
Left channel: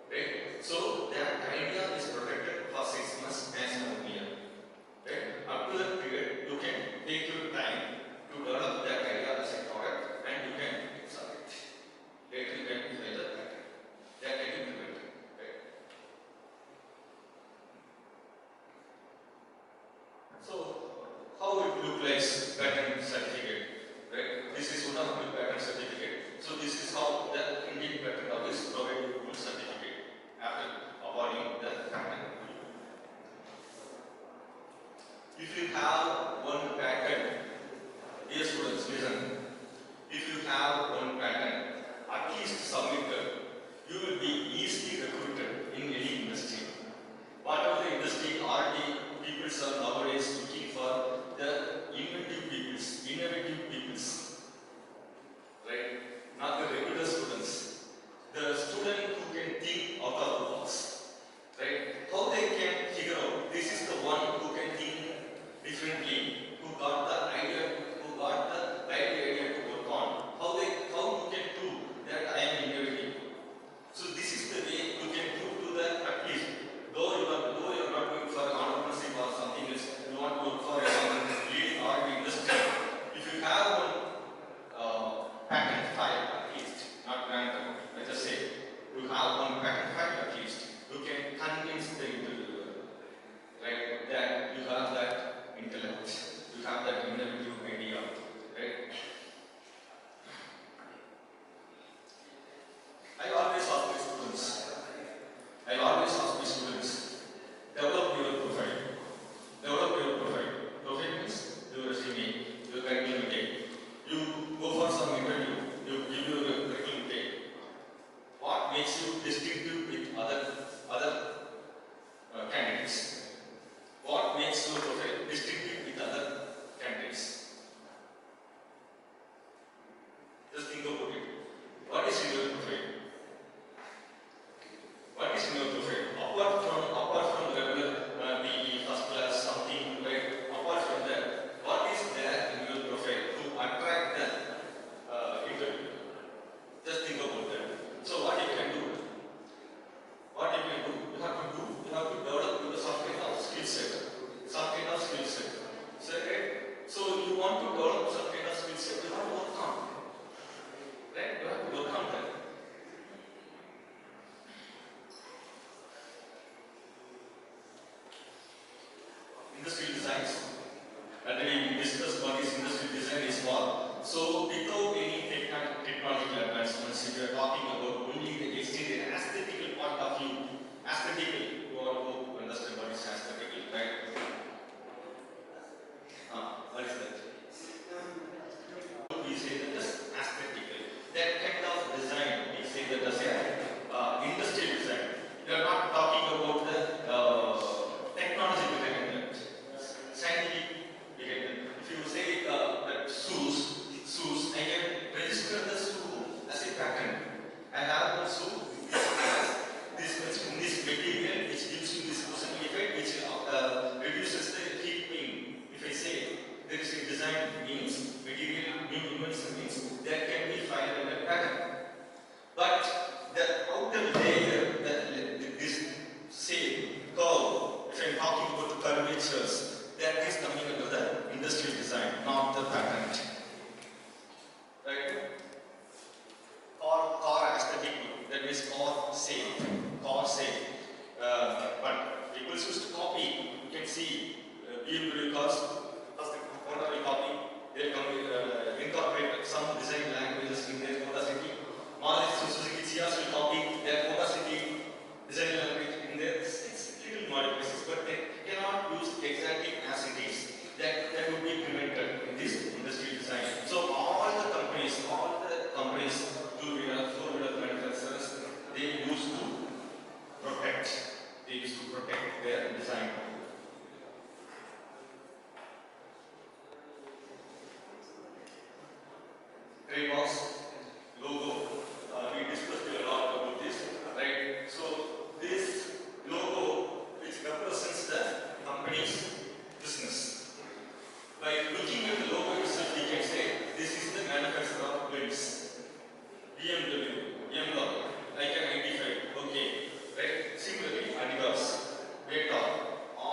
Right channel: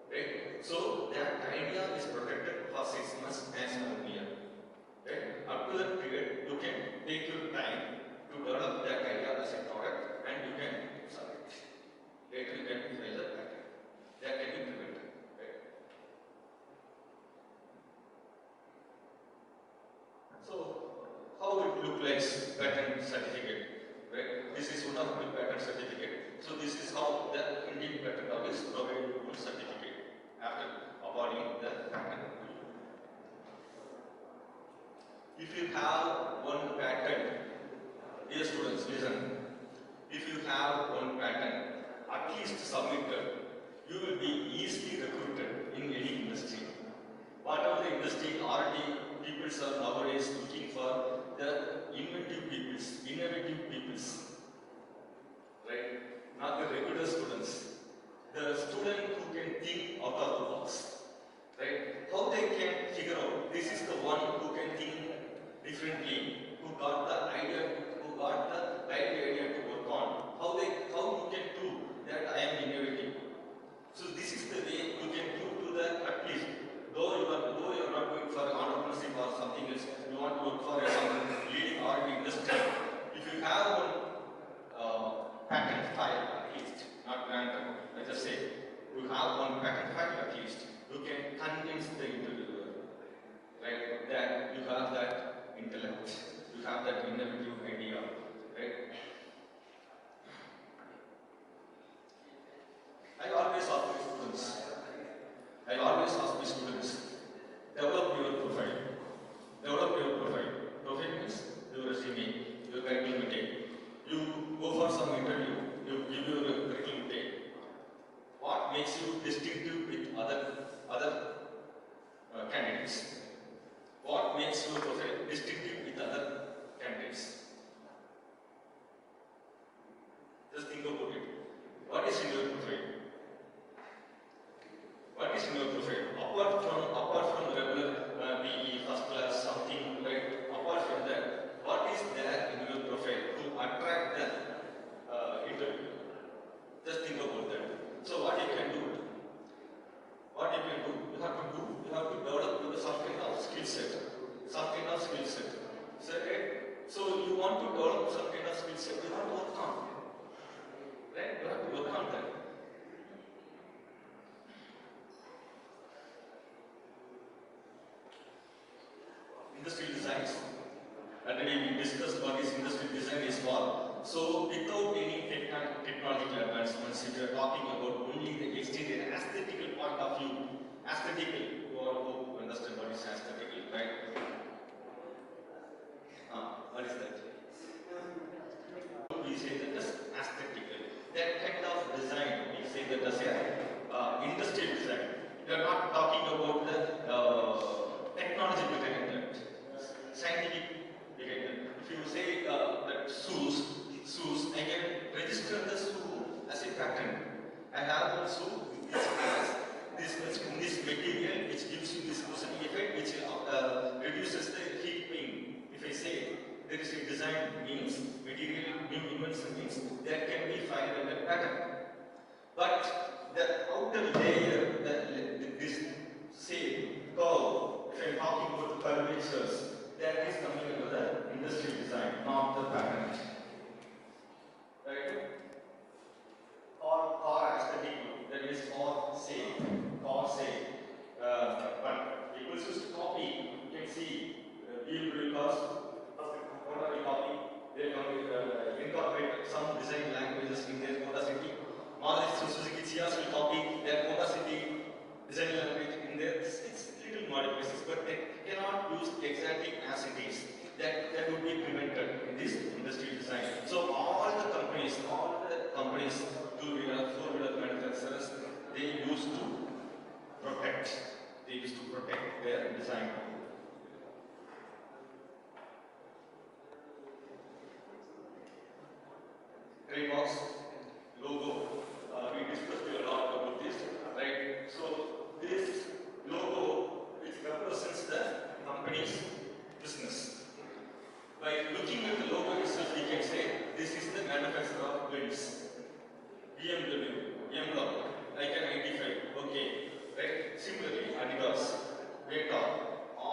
Right? So that idea is protected for 6 months as 1 year. Right? Up to that period, you can take your time to develop that idea as a product and you can submit. Later you can file the patent. That can be prevented. Right? So, how it looks like patent certificate? Right? This is one of the patent certificate. So this is how the Indian Patent Office provides you one certificate after awarding the patent. If you have one patent, dear students, listen. If you have one patent, at least submitted, you will be easily recruited in any industry. Whatever the industry, R&D people are nowadays looking for the inventive peoples, innovative peoples. Right? Not the regular students. The student who can think out of the box. Right? How they can figure out this is the one who can think different industrial designs. Already we discussed what is industrial design is for. So without any technological advancements, if you are talking about only the exterior aesthetical point of view, aesthetical, you all hope to understand what is aesthetical, right? What is that? We say that as aesthetical. That kind of design, we say that as a industrial design. We are not talking about the technology behind that, scientific behind that. If you say that shoes, I can register the shoe as a pattern. I have the shoe, this material which gives you this cushion effect, which reduces the heat pain. If I say there is a design means, material new invention means, that can be filed under pattern. But the outer layer, this shape, curve, if I am talking about the curvatures, that is coming under the industrial design, not the patent. Right? Car aesthetic, that means car shape. But people used to copy, you can see BMW cars, first Honda will copy, they will incorporate some design languages in their Honda City. Maruti Suzuki Cias will copy their Honda City design language in there. It's little modifications, but they cannot use exactly as it is. That would be prevented in this industrial design. So all the companies, two-wheeler, four-wheeler manufacturers, they used to protect their design. Trademarks, logo, we discussed a lot about this, right? So this logo, which represents the company's business. By looking at the logo itself, we can say this is the manufacturer of goods. BMW, I can identify, okay, right? Similarly, Adidas, Beta, all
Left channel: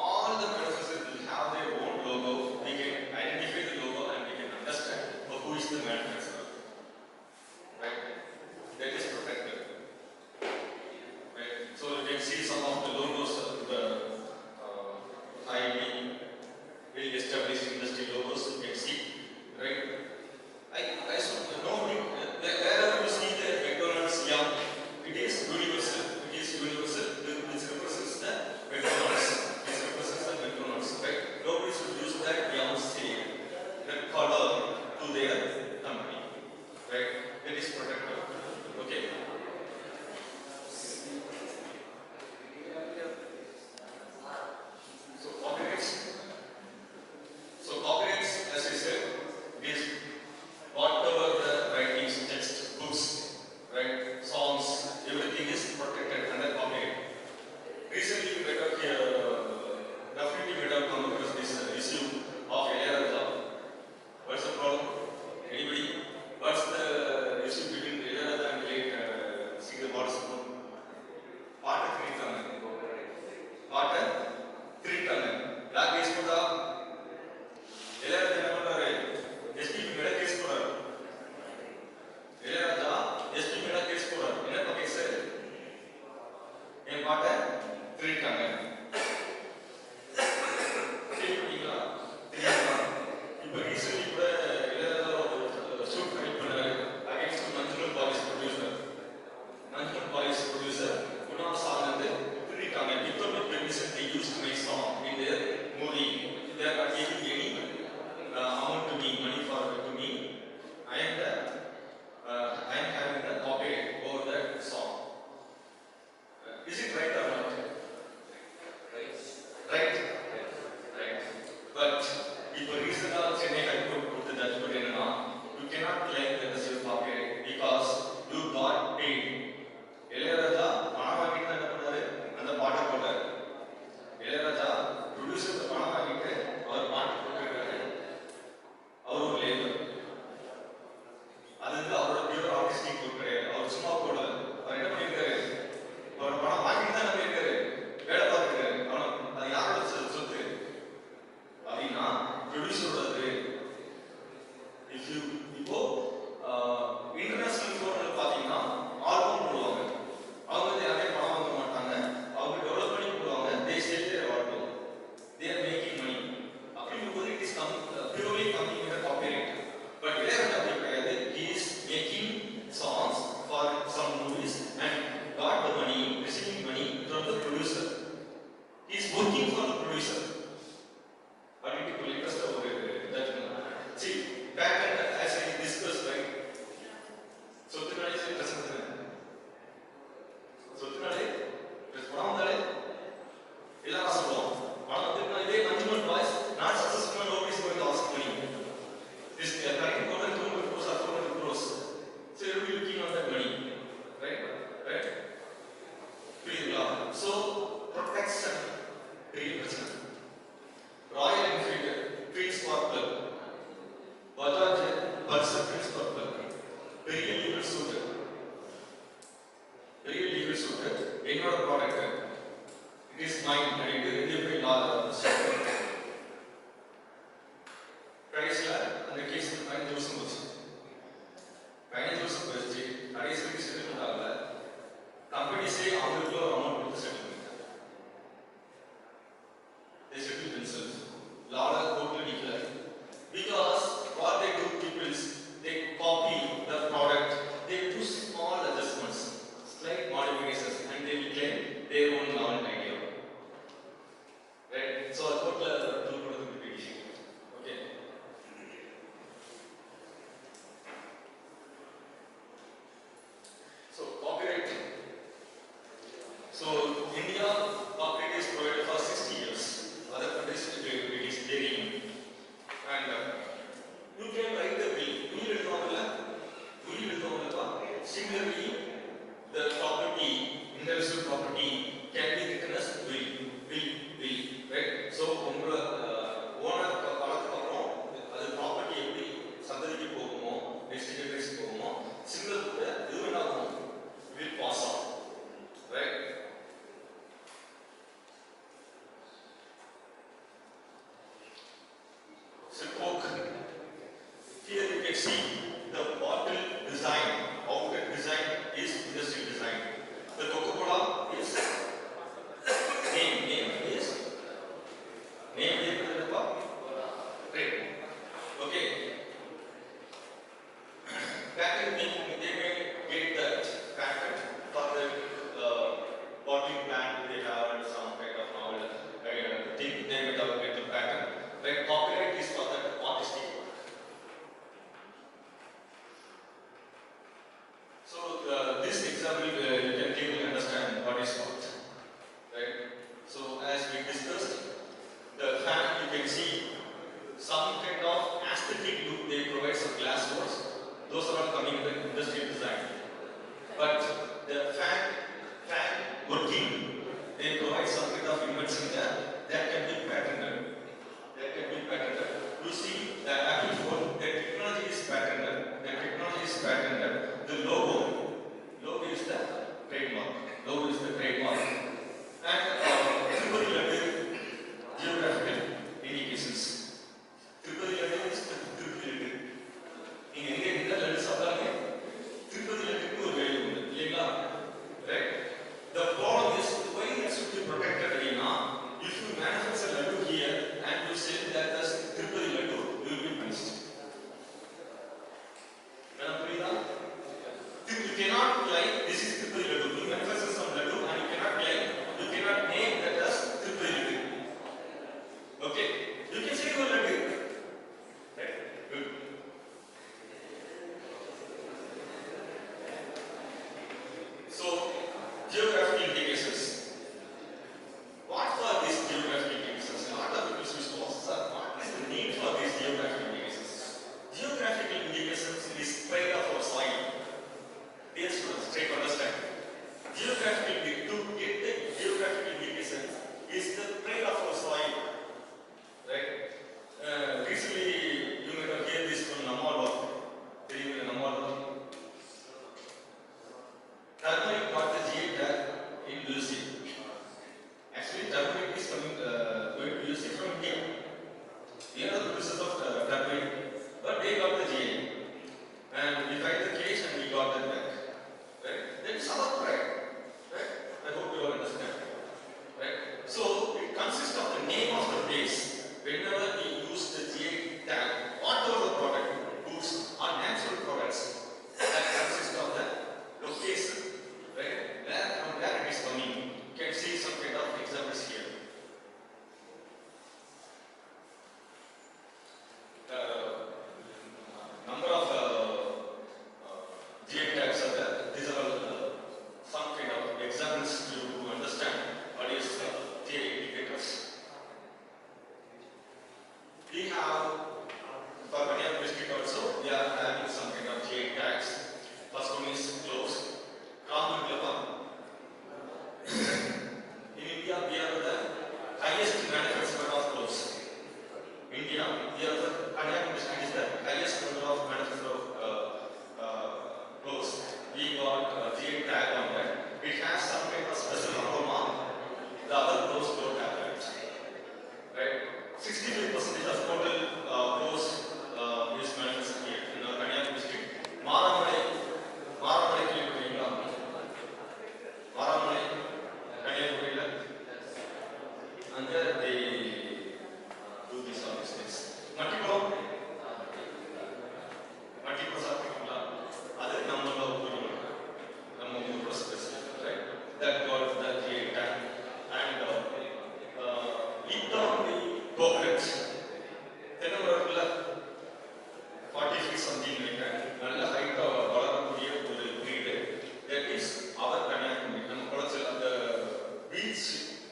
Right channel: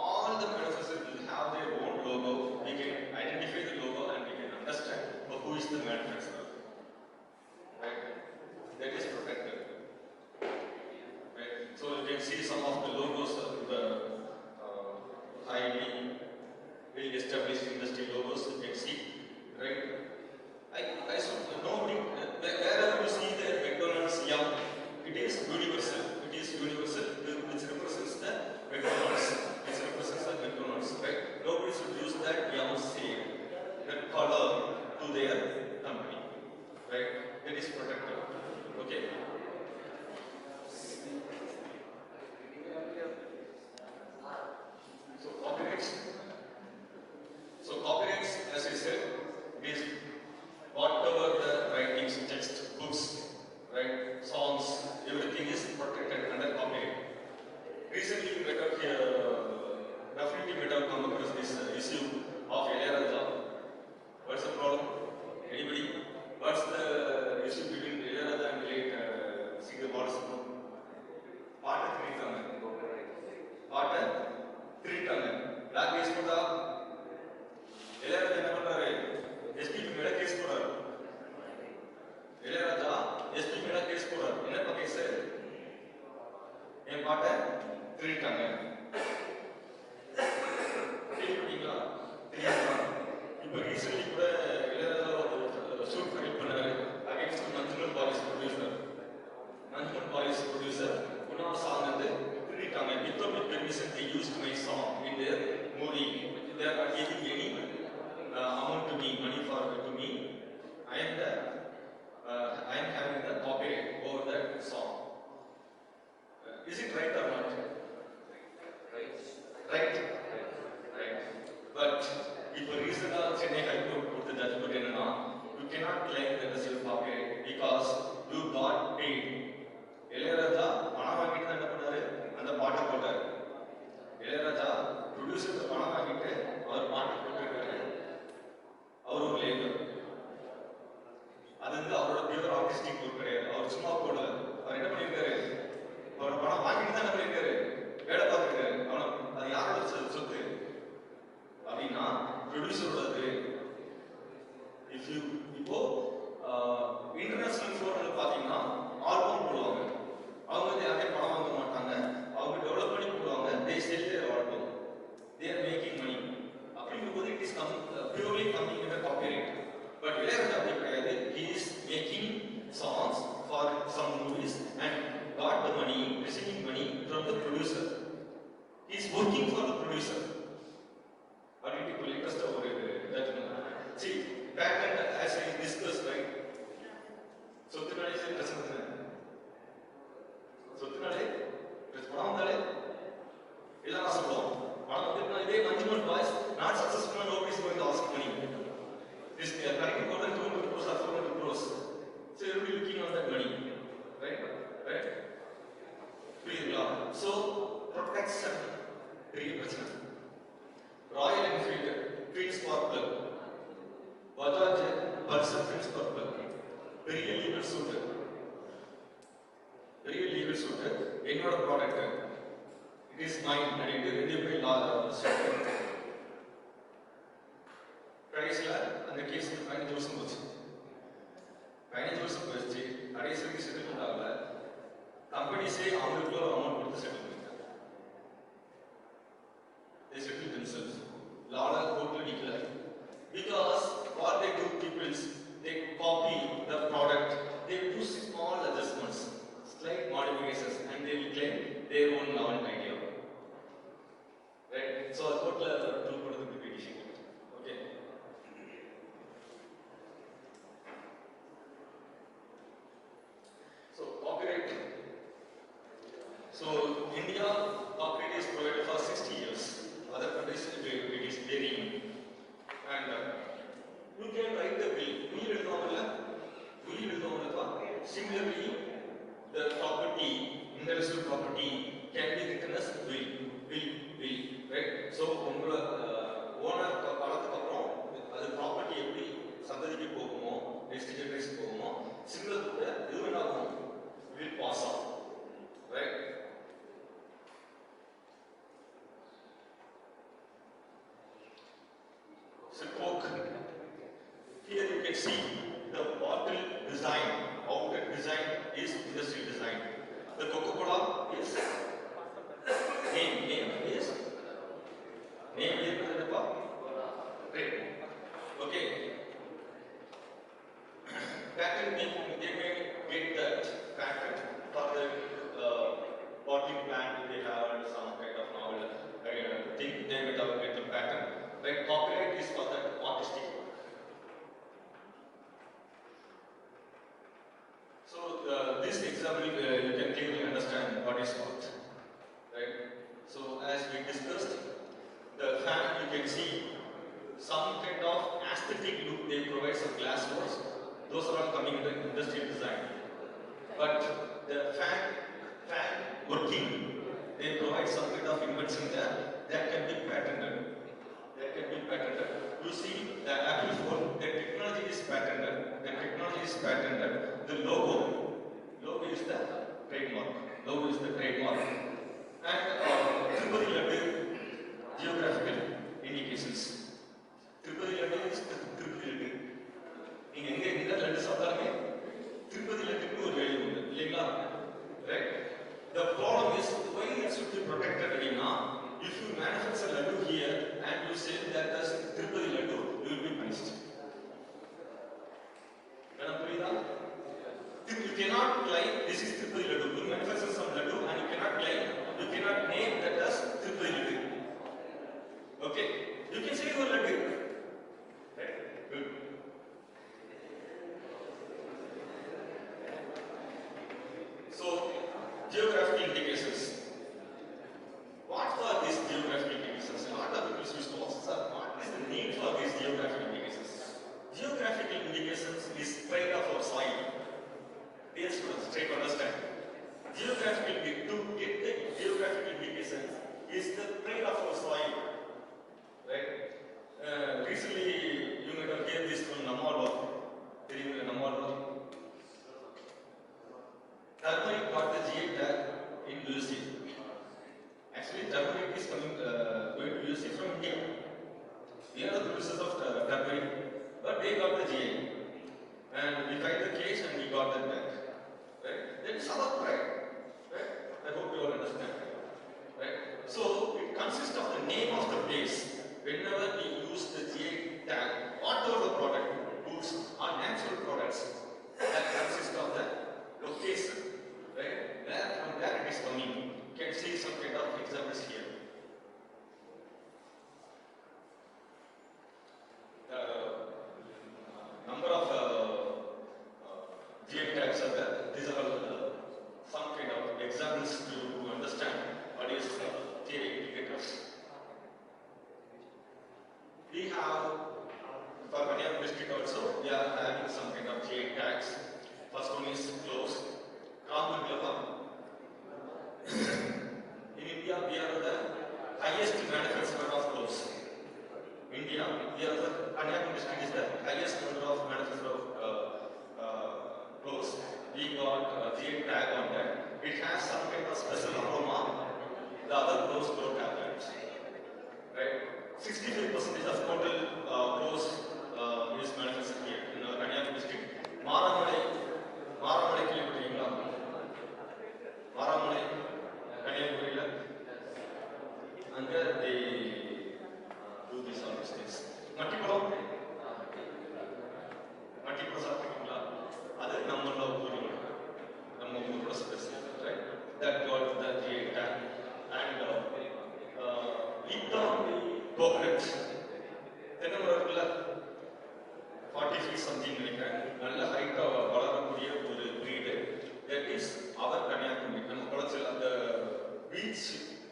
is mine and it will be large. கடைசியில் அந்த case 15 வருஷம் போச்சு. 15 வருஷம் போச்சு. கடைசிக்கு settlement ஆகல. கம்பெனிஸே அவங்களுக்கு ஒரு அமௌண்ட் கொடுத்து செட்டில் பண்ணிட்டாங்க. They settle themselves. Law court declared because what they do people is they copy the product, they do small adjustments, slight modifications, and they will claim their own novel idea. Right? So a total tool for the petition. Okay. So copyright. So India copyright is provided for 60 years. Other countries it is varying. And you can write the will. Will will similarly, the property, intellectual property can be written as will. Right? So உங்க owner காலத்துக்கு அப்புறம் அது property எப்படி சந்ததிக்கு போகுமோ next generation போகுமோ similar கூட இது என்ன ஆகும் will pass on. Right? So Coke. Here you can see the bottle design. Outlet design is industry design. The Coca-Cola is name is right. Okay. Patent they may get that patent for the bottling plant they have some kind of novel thing they may have get the patent. But copyright is for that artistic. So this example you can clearly understand what is what, right? So as we discussed, the fan you can see some kind of aesthetic look. They provide some glass doors. Those are all coming in the industrial design. But the fan working, they provide some kind of invention there that can be patented. You see the Apple phone, the technology is patented. The logo is the trademark. And geographical indications. Tripoli letter is the Tripoli letter. In India, letters are there. Tripoli letter is available. Right? The problem is why it should be protected. If you manufacture laddu here and you sell that as Tripoli laddu, you will be punished. You cannot claim this is Tripoli laddu. You manufacture some laddu and you cannot name that as Tripoli laddu. Okay? You can say your laddu. Right? Good. So, geographical indications. What are these geographical indications? A lot of people will say, what is the need for these geographical indications? Geographical indications is pride of our soil. Dear students, try to understand. To get the geographical indications is the pride of our soil. Right? Recently, you might have heard this from Nagercoil. Turmeric got the GI tag in USA. Actually, turmeric is going to USA from India. We are the producers of turmeric, but they got the GI. And we filed the case and we got that back. Right? That is our pride. Right? I hope you all understand. Right? So, it consists of the name of the place. Whenever we use the GI tag, whatever the product, goods or natural products, that consists of the location. Right? From where it is coming. You can see some kind of examples here. Number of GI tags are there. These are all some kind of examples to understand what is GI indicators. We have, for many of biscuit also, we are having some kind of GI tags. First one is close. and there they do these all these things. Multiple சாப்பிட்டீங்களா அது நம்மள நம்ம மூணு process right that got the GA tag and it on the coconut தென்னை மரத்துல 40 feet something நினைக்கிறேன் நல்ல ஹைட்டா வளரக்கூடிய ஒரு breed that is our Kanyakumari நம்ம குளச்சல் அந்த பீச்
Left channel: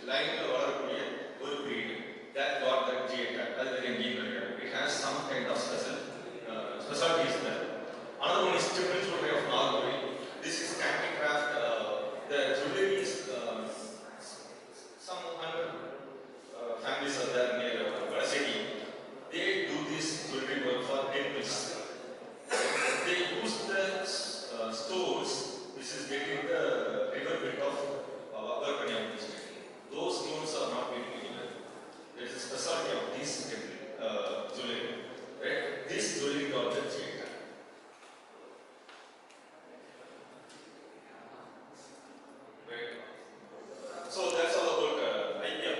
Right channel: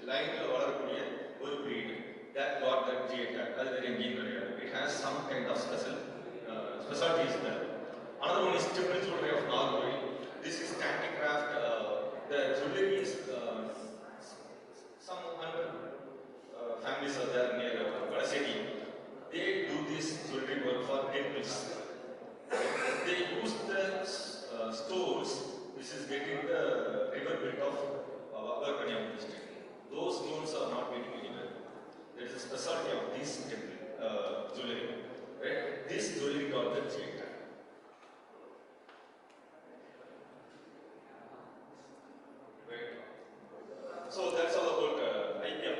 லைன்ல வளரக்கூடிய ஒரு breed that got the GA tag அது very engineering it has some kind of specialties there. Another one is children's jewelry of Nagercoil. This is handicraft. The jewelry is some 100 families are there near Organises. They do this jewelry work for temples. They use the stones which is getting the river bed of Organises district. Those stones are not getting anywhere. There is a specialty of this temple jewelry. Right? This jewelry got the GA tag. Right? So that's all about idea.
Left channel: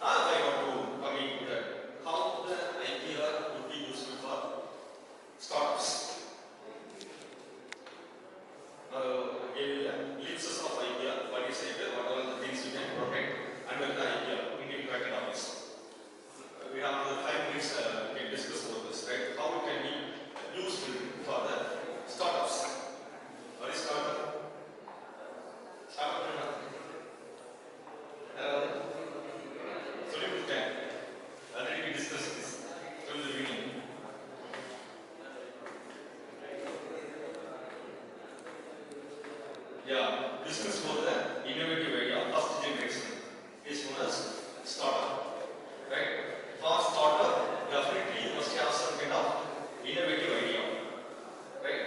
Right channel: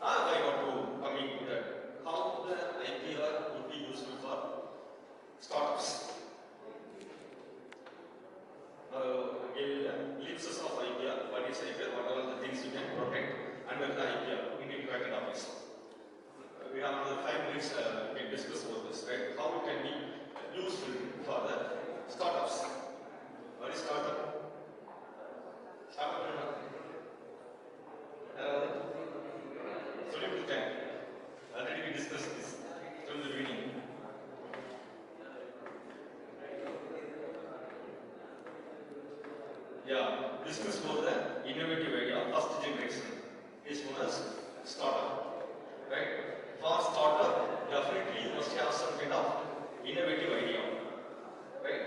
Now I want to come into that. How the idea would be useful for startups. Give glimpses of idea. What is idea? What are the things you can protect under the idea in the patent office? We have another 5 minutes to discuss about this, right? How it can be useful for the startups. What is startup? Startup is not. Sorry, we can. Already we discussed this from the beginning. Yeah, discuss about the innovative idea, first generation is known as startup, right? For startup, definitely you must have some kind of innovative idea, right?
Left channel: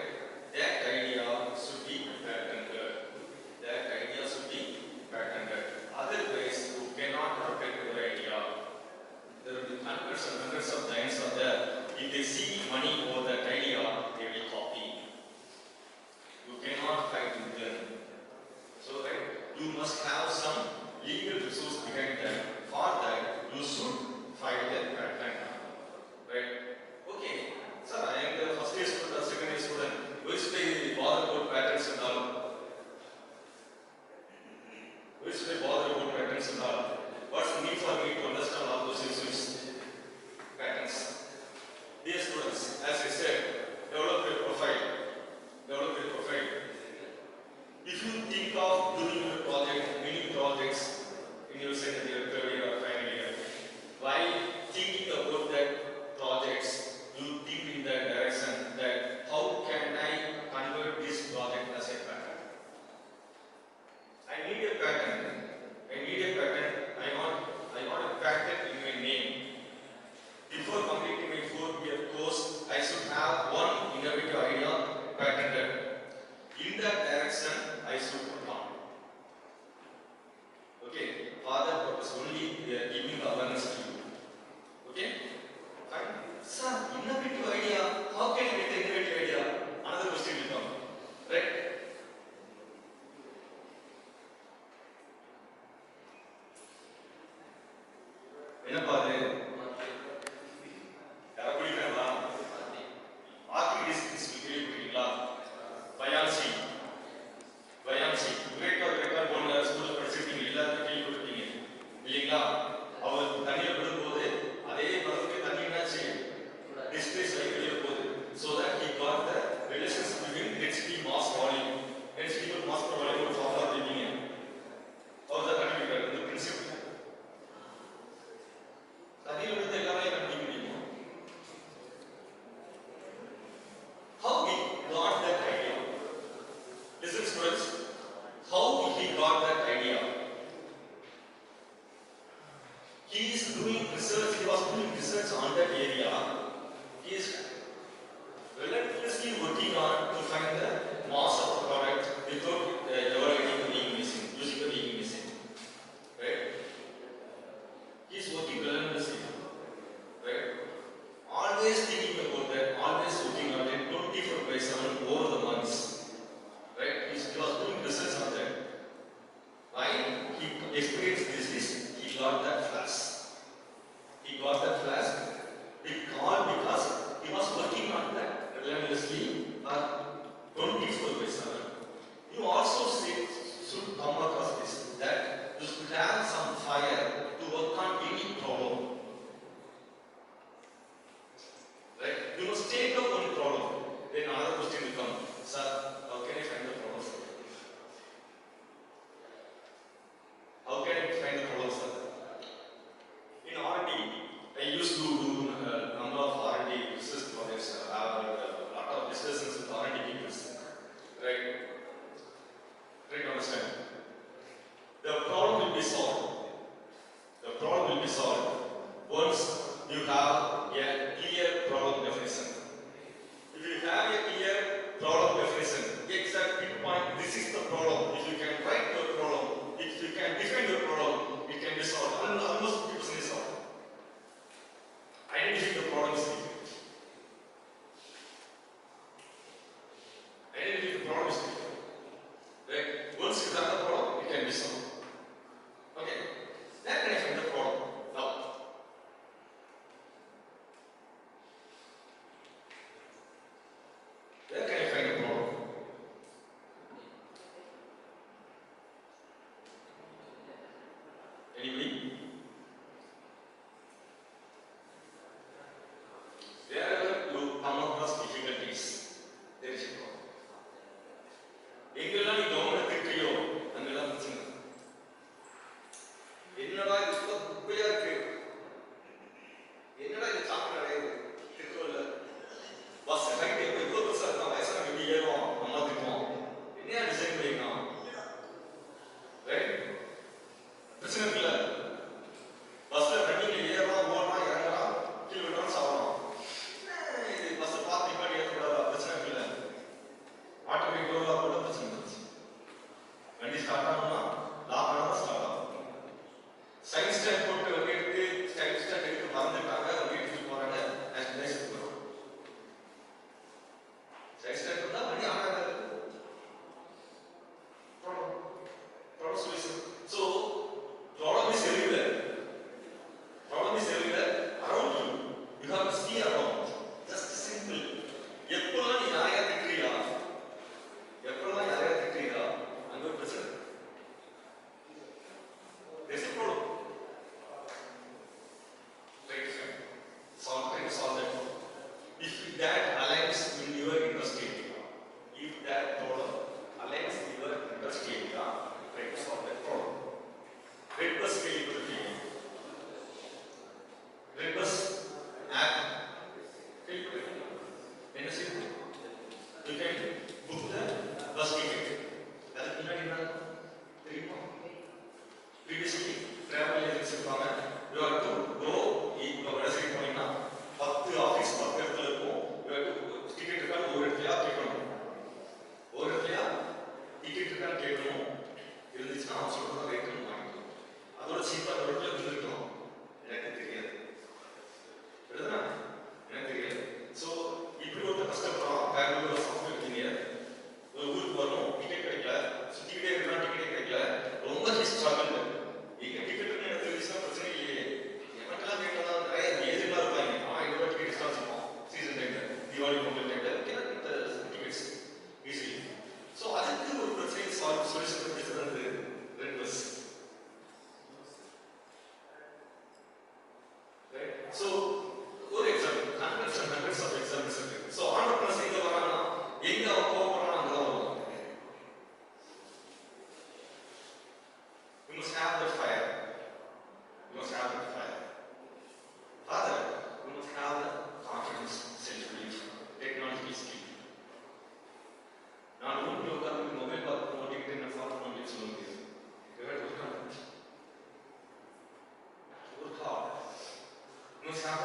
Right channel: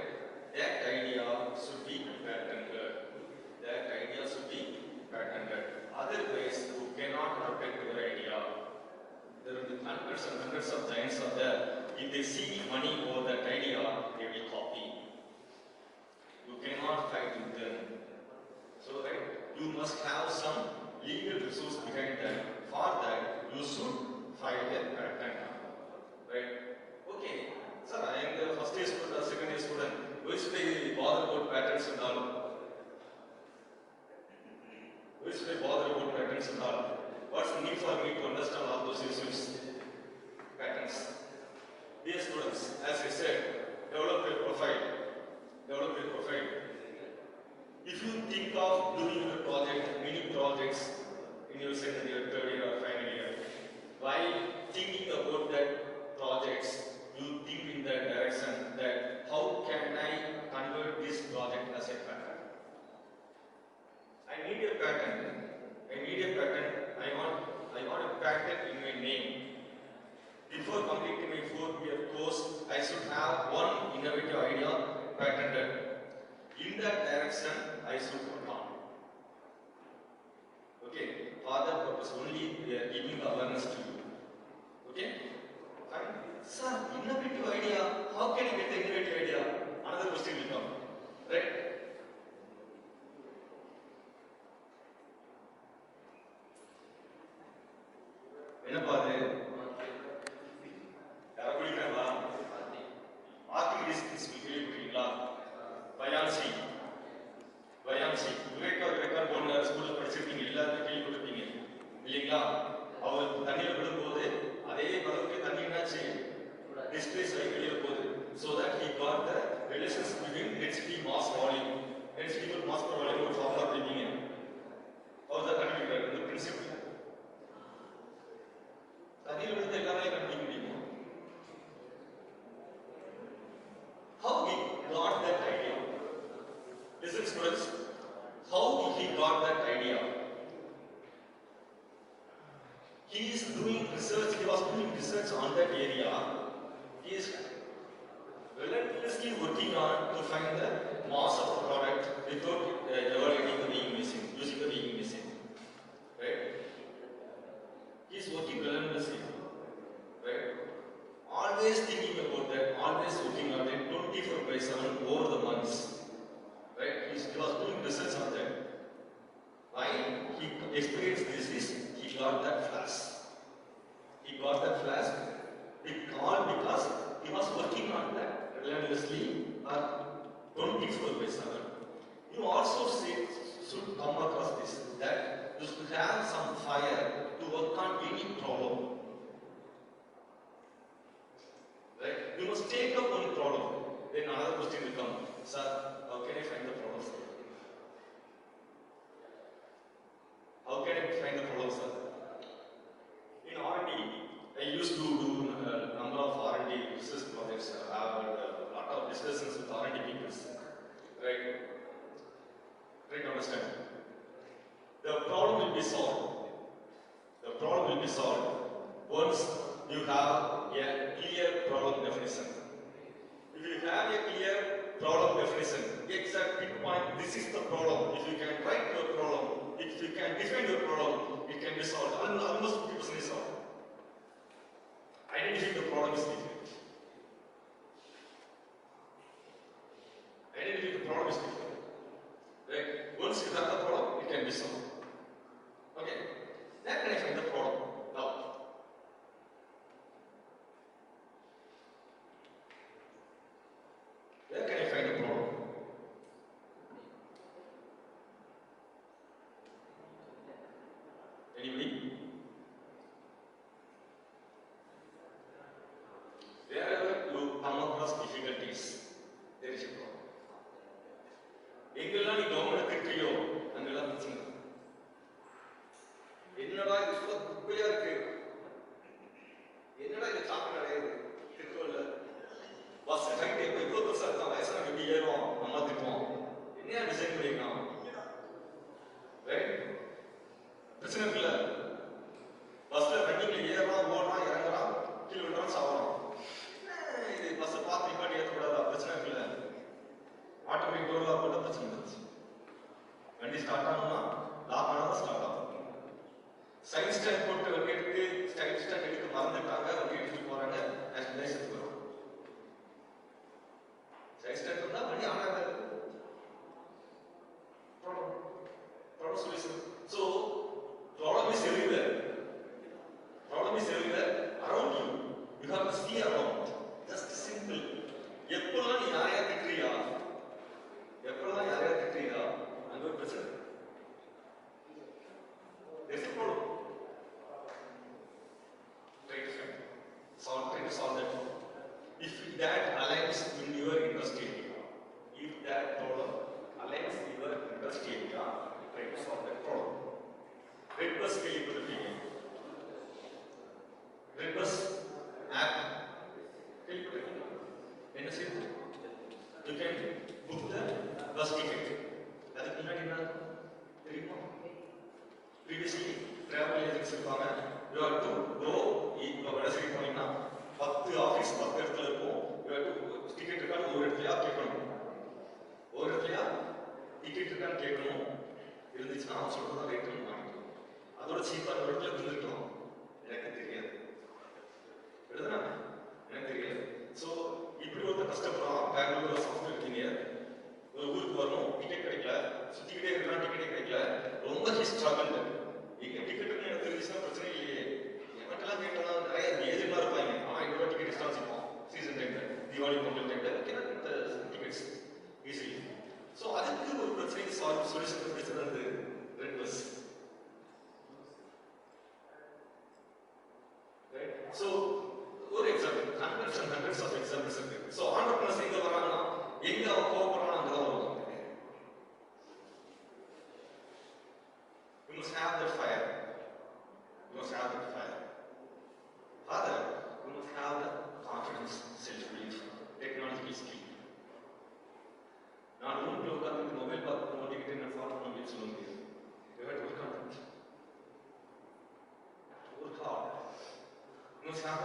That idea should be patented. That idea should be patented. Otherwise, you cannot protect your idea. There will be hundreds and hundreds of giants out there. If they see money for that idea, they will copy. You cannot fight with them. So, right, you must have some legal resource behind that. For that, you should file a patent. Right? Okay, sir, I am the first year student or second year student. Why should I bother about patents and all? Why should I bother about patents and all? What's the need for me to understand all those issues? Patents. Dear students, as I said, develop your profile. Develop your profile. If you think of doing a project, many projects in your second year, third year, or final year, while thinking about that projects, you think in that direction that how can I convert this project as a patent? I need a patent. I need a patent. I want a patent in my name. Before completing my 4-year course, I should have one innovative idea patented. In that direction, I should put on. Okay, for that purpose only we are giving awareness to you. Okay, fine. Sir, innovative idea. How can you get the innovative idea? Another question will come, right? என்ன பாரு யார குடிக்கிறா marking distance கேள்விப்பட்டீங்களா buoyancy கிரேக்கர் போன ஸ்கூல்ல படிச்சிருக்கீங்க எல்லாரும் கேள்விப்பட்டிருக்கீங்க இல்லீங்களா அவர் தண்ணியில விடும்போது அதே பதவுக்கு தண்ணி என்னாச்சு டிஸ்பிளேஸ் ஆகி வெளியே போகுது so that he got the relations between density mass volume density equal mass per volume ஒரு ஃபார்முலா தெரியுங்க அவர் தான் கண்டுபிடிக்கிறார் இந்த பிரின்சிபல் தண்ணியில விழுந்த எல்லாமே கண்டுபிடிக்க முடியும் how he got that idea listen students how he got that idea he was doing research on that area he is relentlessly working on to find the mass of the product without evaluating the weighing machine using the weighing machine right he is working relentlessly right always thinking about that always working on it 24/7 over the months right he was doing research on that why he experienced this is he got that flask. He got that flask. He called because he was working on that relentlessly for 24/7. You also should come across this, that you should have some fire to work on any problem. Right? You must take up one problem. Then another question will come, sir, how can I find the problem, sir? How can I find the problem, sir? In R&D, I used to do a number of R&D research projects. I have a lot of discussions with R&D people. Right? Right, understand? The problem will be solved. The problem will be solved once you have a clear problem definition. If you have a clear problem definition, exact pinpoint, this is the problem. If you can write your problem, if you can define your problem, it can be solved. Almost 50% is solved. Identify the problem is difficult. Identify the problem is difficult. Right? Once you have the problem, it can be solved. Okay? Then can I find the problem? Now. Where can I find the problem? Anybody? Wherever you come across difficulties, there is a problem. எங்கெல்லாம் நீ government திட்டியோ அங்கெல்லாம் பிரச்சனை. என்னடா இது சொல்ல குப்பையா இருக்கு, என்னடா இது சாப்பிட அடையுது திட்டுவல்ல, பஸ் டைம் எவ்வளவு பெருசா இருக்கா, வயசான எப்படி ஏறும் நம்ம திட்டுவோம், என்ன டிசைன் பண்ணிருக்கான், ரைட்? பிரச்சனை இருக்குல்ல, பஸ்ல ரன்னிங்ல ஏறலாம், ஓடலாம், இறங்கலாம், கீழே விடலாம், சாவலாம். இது பஸ் பார்த்து நிப்பாட்டி ஏற்றக்கூடாதா, பிரச்சனை இருக்குல்ல. ஆட்டோமேட்டிக் டோர்ல போட்ட பிரச்சனை இருந்துச்சு. வண்டி ஸ்டார்ட் ஆகணும்னா லாக் ஆனா ஸ்டார்ட் ஆகும். சைட் ஸ்டாண்ட் போட்டு வண்டி எடுத்து சைட் ஸ்டாண்ட் எடுத்து மறந்துட்டாங்க, வண்டி எடுத்துட்டு போறாங்க, நேஷனலைஸ் போறோம். சைட் ஸ்டாண்ட் இருந்தா வண்டி ஆனாங்க. Problem solution. So problem is everywhere. Problem is everywhere around you. You have to see around. Just simple. எப்பெல்லாம் நீ யாரையா திட்டுறியா, எப்பெல்லாம் யாரையா திட்டுறியா, அங்க ஒரு பிரச்சனை. There's a problem. Try to solve that problem. If that aligns in your interest area, if that problem aligns in your interest area, try to solve that problem. Red bus capability. Red bus app capability. என்ன செய்யுது? You can book the bus ticket. அதுக்கு முன்னாடி என்ன தெரியுமா? Previously travel agency இருப்பாங்க. You have to go, இப்போ website போனீங்கன்னா 10 office 10 இடத்துல இருக்கும். You have to டிக்கெட் இருக்கான்னு ஒரு இடத்துலயா கேட்கணும். ஒரு இடத்துலயா டிக்கெட் இருக்கான்னு கேட்கணும். இருந்துச்சுன்னா அவன் சொல்றத ரேட்டுன்னு வாங்கிக்கணும். அதோட சீப்பா ஒரு இடத்துல இருந்துருக்கலாம். எனக்கு தெரியாது. எழுதுனா எனக்கு தெரியாது. ஸோ இப்படி ஒருத்தர் கஷ்டப்படுறான். பெங்களூர் சாஃப்ட்வேர் இன்ஜினியர், ஒரு ஊருக்கு வரணும், டிக்கெட் கிடைக்கல, சுற்றிக்கிட்டே இருக்கிறான், டிக்கெட் கிடைக்கல, ரொம்ப ஸ்ட்ரகிள். இங்கே டிக்கெட் எனக்கு தெரிஞ்சுன்னா பிரச்சனை இல்லையே, எனக்கெல்லாம் கேட்கலாம், நிறைய ஏஜென்ட்லாம் இருப்பாங்க. அவன் இந்த டிக்கெட் எக்ஸ்ட்ரா வச்சுப்பான் சீசன் டைமில், தீபாவளி பொங்கல் டைமில் இந்த டிக்கெட்ஸ் ஈஸிலி. ஸோ அதுக்கு ஒரு பிரச்சனை சொல்யூஷன் கண்டுபிடிச்சது வந்து ரெட் பஸ். ஸோ ஒரு எக்ஸாம்பிள், ஹண்ட்ரட்ஸ் ஆஃப் எக்ஸாம்பிள்ஸ் இருக்கு. ஸோ ஆண்டர்பிரனர்ஸ் எங்க வராங்கன்னா, எங்க அவன் போகிறானா அங்கதான் வருவாங்க. You must have that fire. You must have that fire. Rather, you must have the confidence, self-belief, technological skill. நான் ரூம்ல உட்கார்ந்து மொபைல் பார்த்து ஓட்டிக்கிட்டு என்ன ஃபாலோ பண்ணி சொல்ல முடியாது. You have to work on it. Work hard. You must have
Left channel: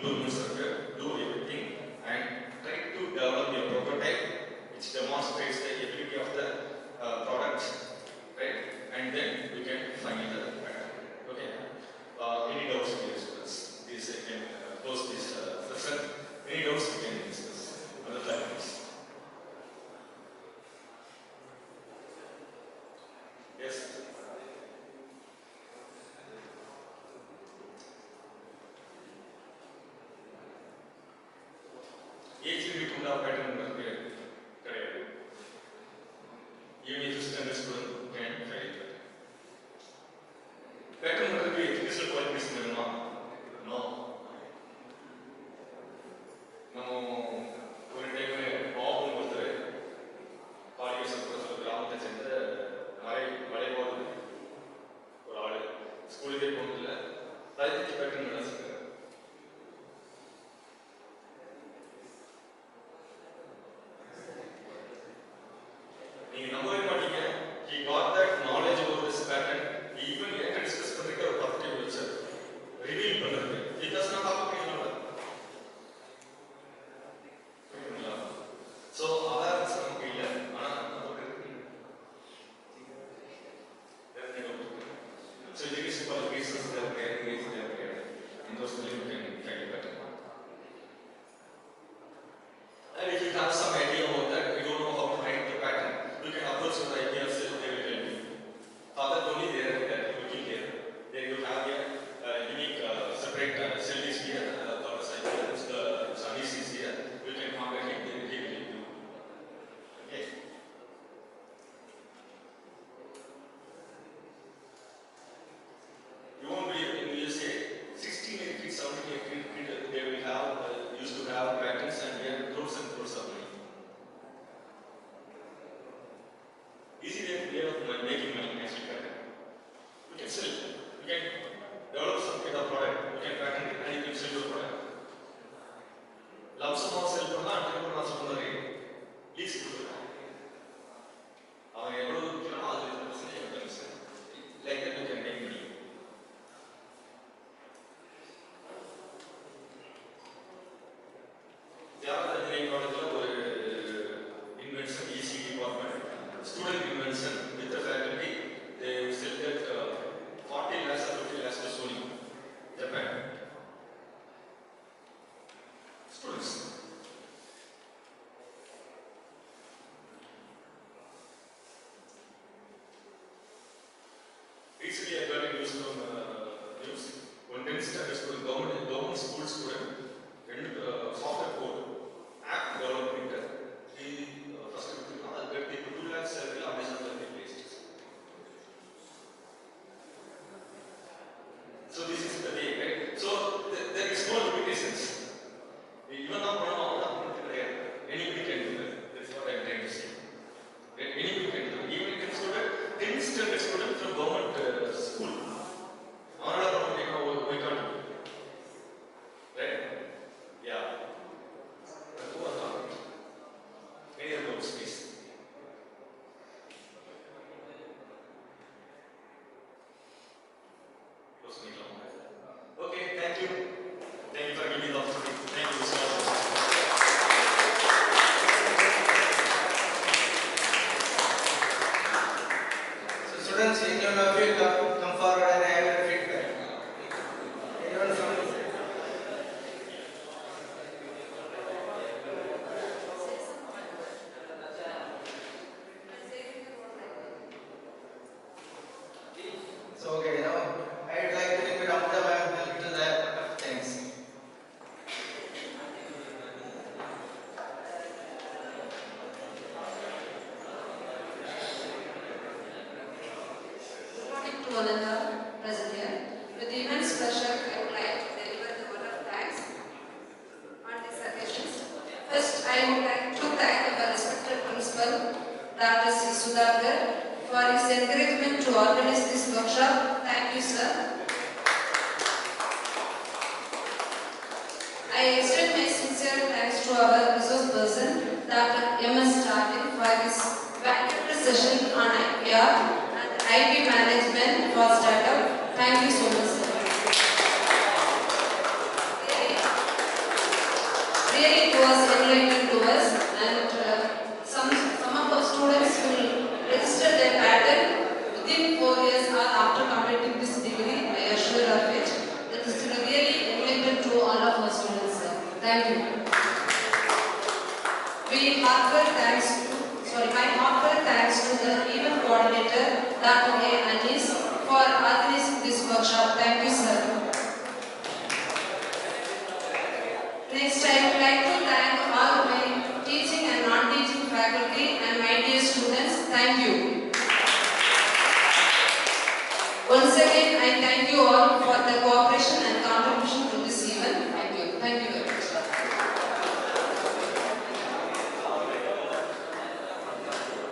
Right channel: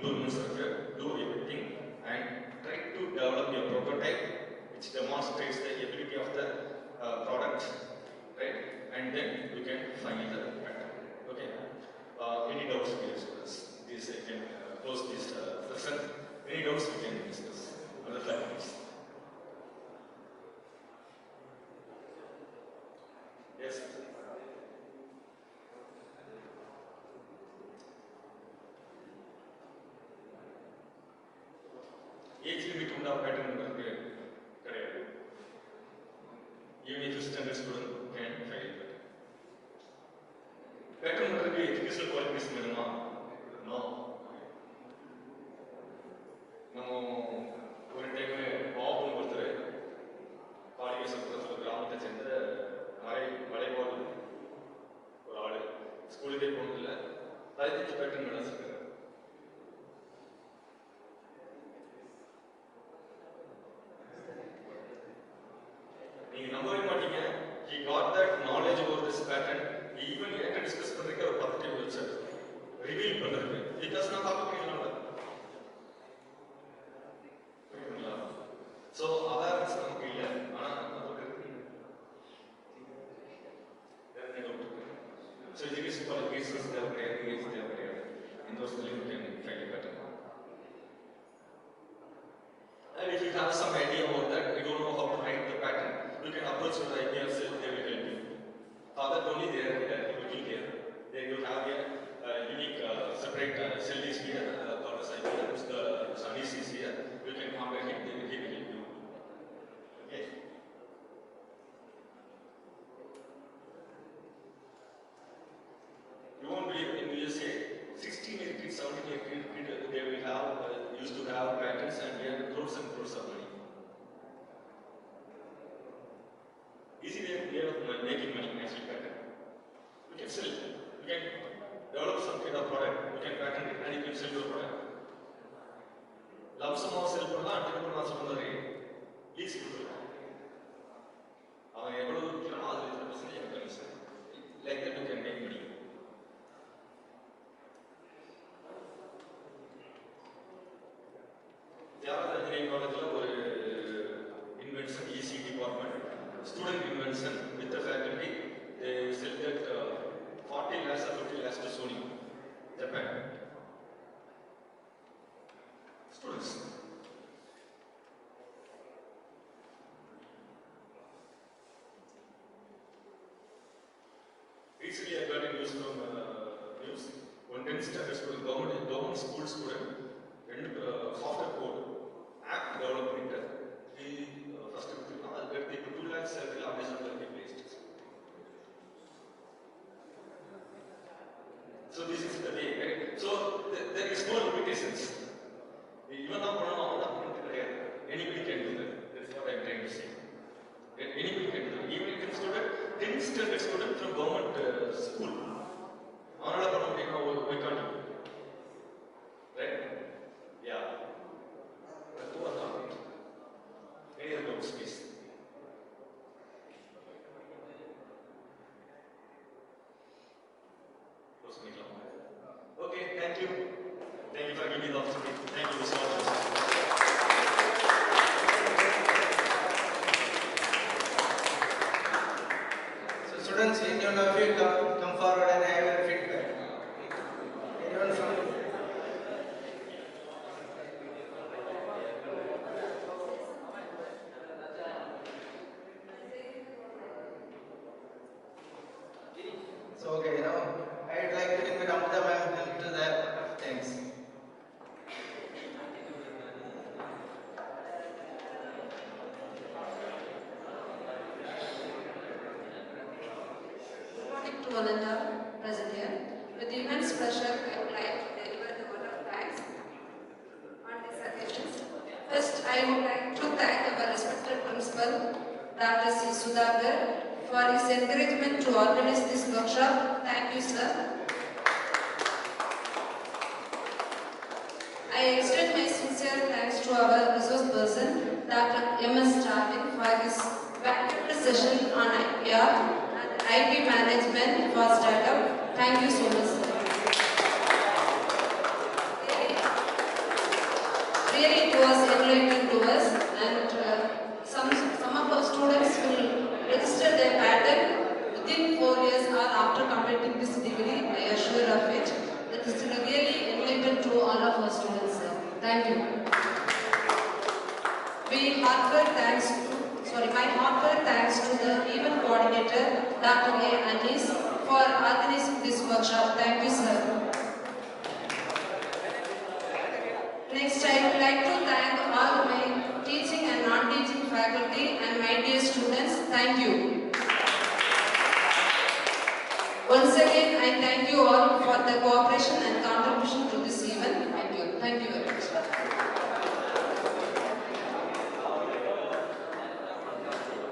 improvements structure, do everything, and try to develop a prototype which demonstrates the ability of the product, right? And then we can find the pattern. Okay. Any doubts, dear students? This I can close this session. Any doubts we can discuss on the platforms. Yes. Age limit உண்டா pattern உங்களுக்கு கிடையாது. Even if you standard student can file it. Pattern உங்களுக்கு educational qualification வேணுமா? No. நம்ம ஒரு time Babu ஒருத்தர் college ஒரு கிராமத்தை சேர்ந்த மலைவாழ் ஒரு ஆளு ஸ்கூலுக்கே போனதில்லை 15 பேட்டர்ன் வேலை செஞ்சார். நீங்க நம்பவே மாட்டீங்க. He got that knowledge about this pattern. He even என்கிட்ட டிஸ்கஸ் பண்றதுக்கு ஒரு 10 டைம் வச்சார். ரிவீல் பண்றது. பிகாஸ் நான் பார்க்க முடியல. So awareness நமக்கு இல்ல. ஆனா நமக்கு இருக்கு. So education qualifications தேவை. In those you can find it better. And if you have some idea about that, you don't know how to find the pattern, you can approach your idea cell, they will help you. For that only they are looking here. Then you have a unique separate cell is here, called as idea, the Organises is here. You can contact him, he will help you. Okay. You won't believe in USA, 16 kids, 17 kids, they will have, used to have patterns and we have crores and crores of money. Easy way of making money actually pattern. You can sell, you can develop some kind of product, you can patent it and you can sell your product. Lump sum of sell பண்ணா entrepreneur சொன்ன rate lease கொடுக்கலாம். அவன் எவ்வளவு விற்கிறானோ அது 20% commission. Like that you can make money. ஒரு invention EC department, student invention with the faculty, they sell that 40 lakhs or 50 lakhs to Sony, Japan. Students. Recently I got a news from news. One 10th standard student, government school student, and software code, app development. He first get 2 lakhs salary on Amazon placed. So this is the way, right? So there is no limitations. Even now, anybody can do that. That's what I'm trying to say. Anybody can do it. Even if it's a 10th standard student from government school. We can't do it. Right? Yeah. Any other notes, please? Okay, thank you. Thank you for giving me the opportunity. Thank you so much. So students, anyone of you come forward and have your feedback. Anyone from So okay, now I would like to invite Amrita ma'am to the thanks. Good morning to all and all present here. With immense pleasure, I would like to deliver the word of thanks on these occasions. First, I would like to thank our respected principal, Dr. Sr.Gr, for his encouragement to organize this workshop. Thank you, sir. I extend my sincere thanks to our resource person, Dr. STARVIN, for his valuable session on IPR and IP management for startup. Thank you so much, sir. really it was enlightening to us, and some of our students will register their pattern within 4 years or after completing this degree. I assure of it. That is really enlightening to all of our students. Thank you. My heartfelt thanks to the event coordinator, Dr. A. Anis, for organizing this workshop. Thank you, sir. Next, I would like to thank all my teaching and non-teaching faculty and my dear students. Thank you. Once again, I thank you all for the cooperation and contribution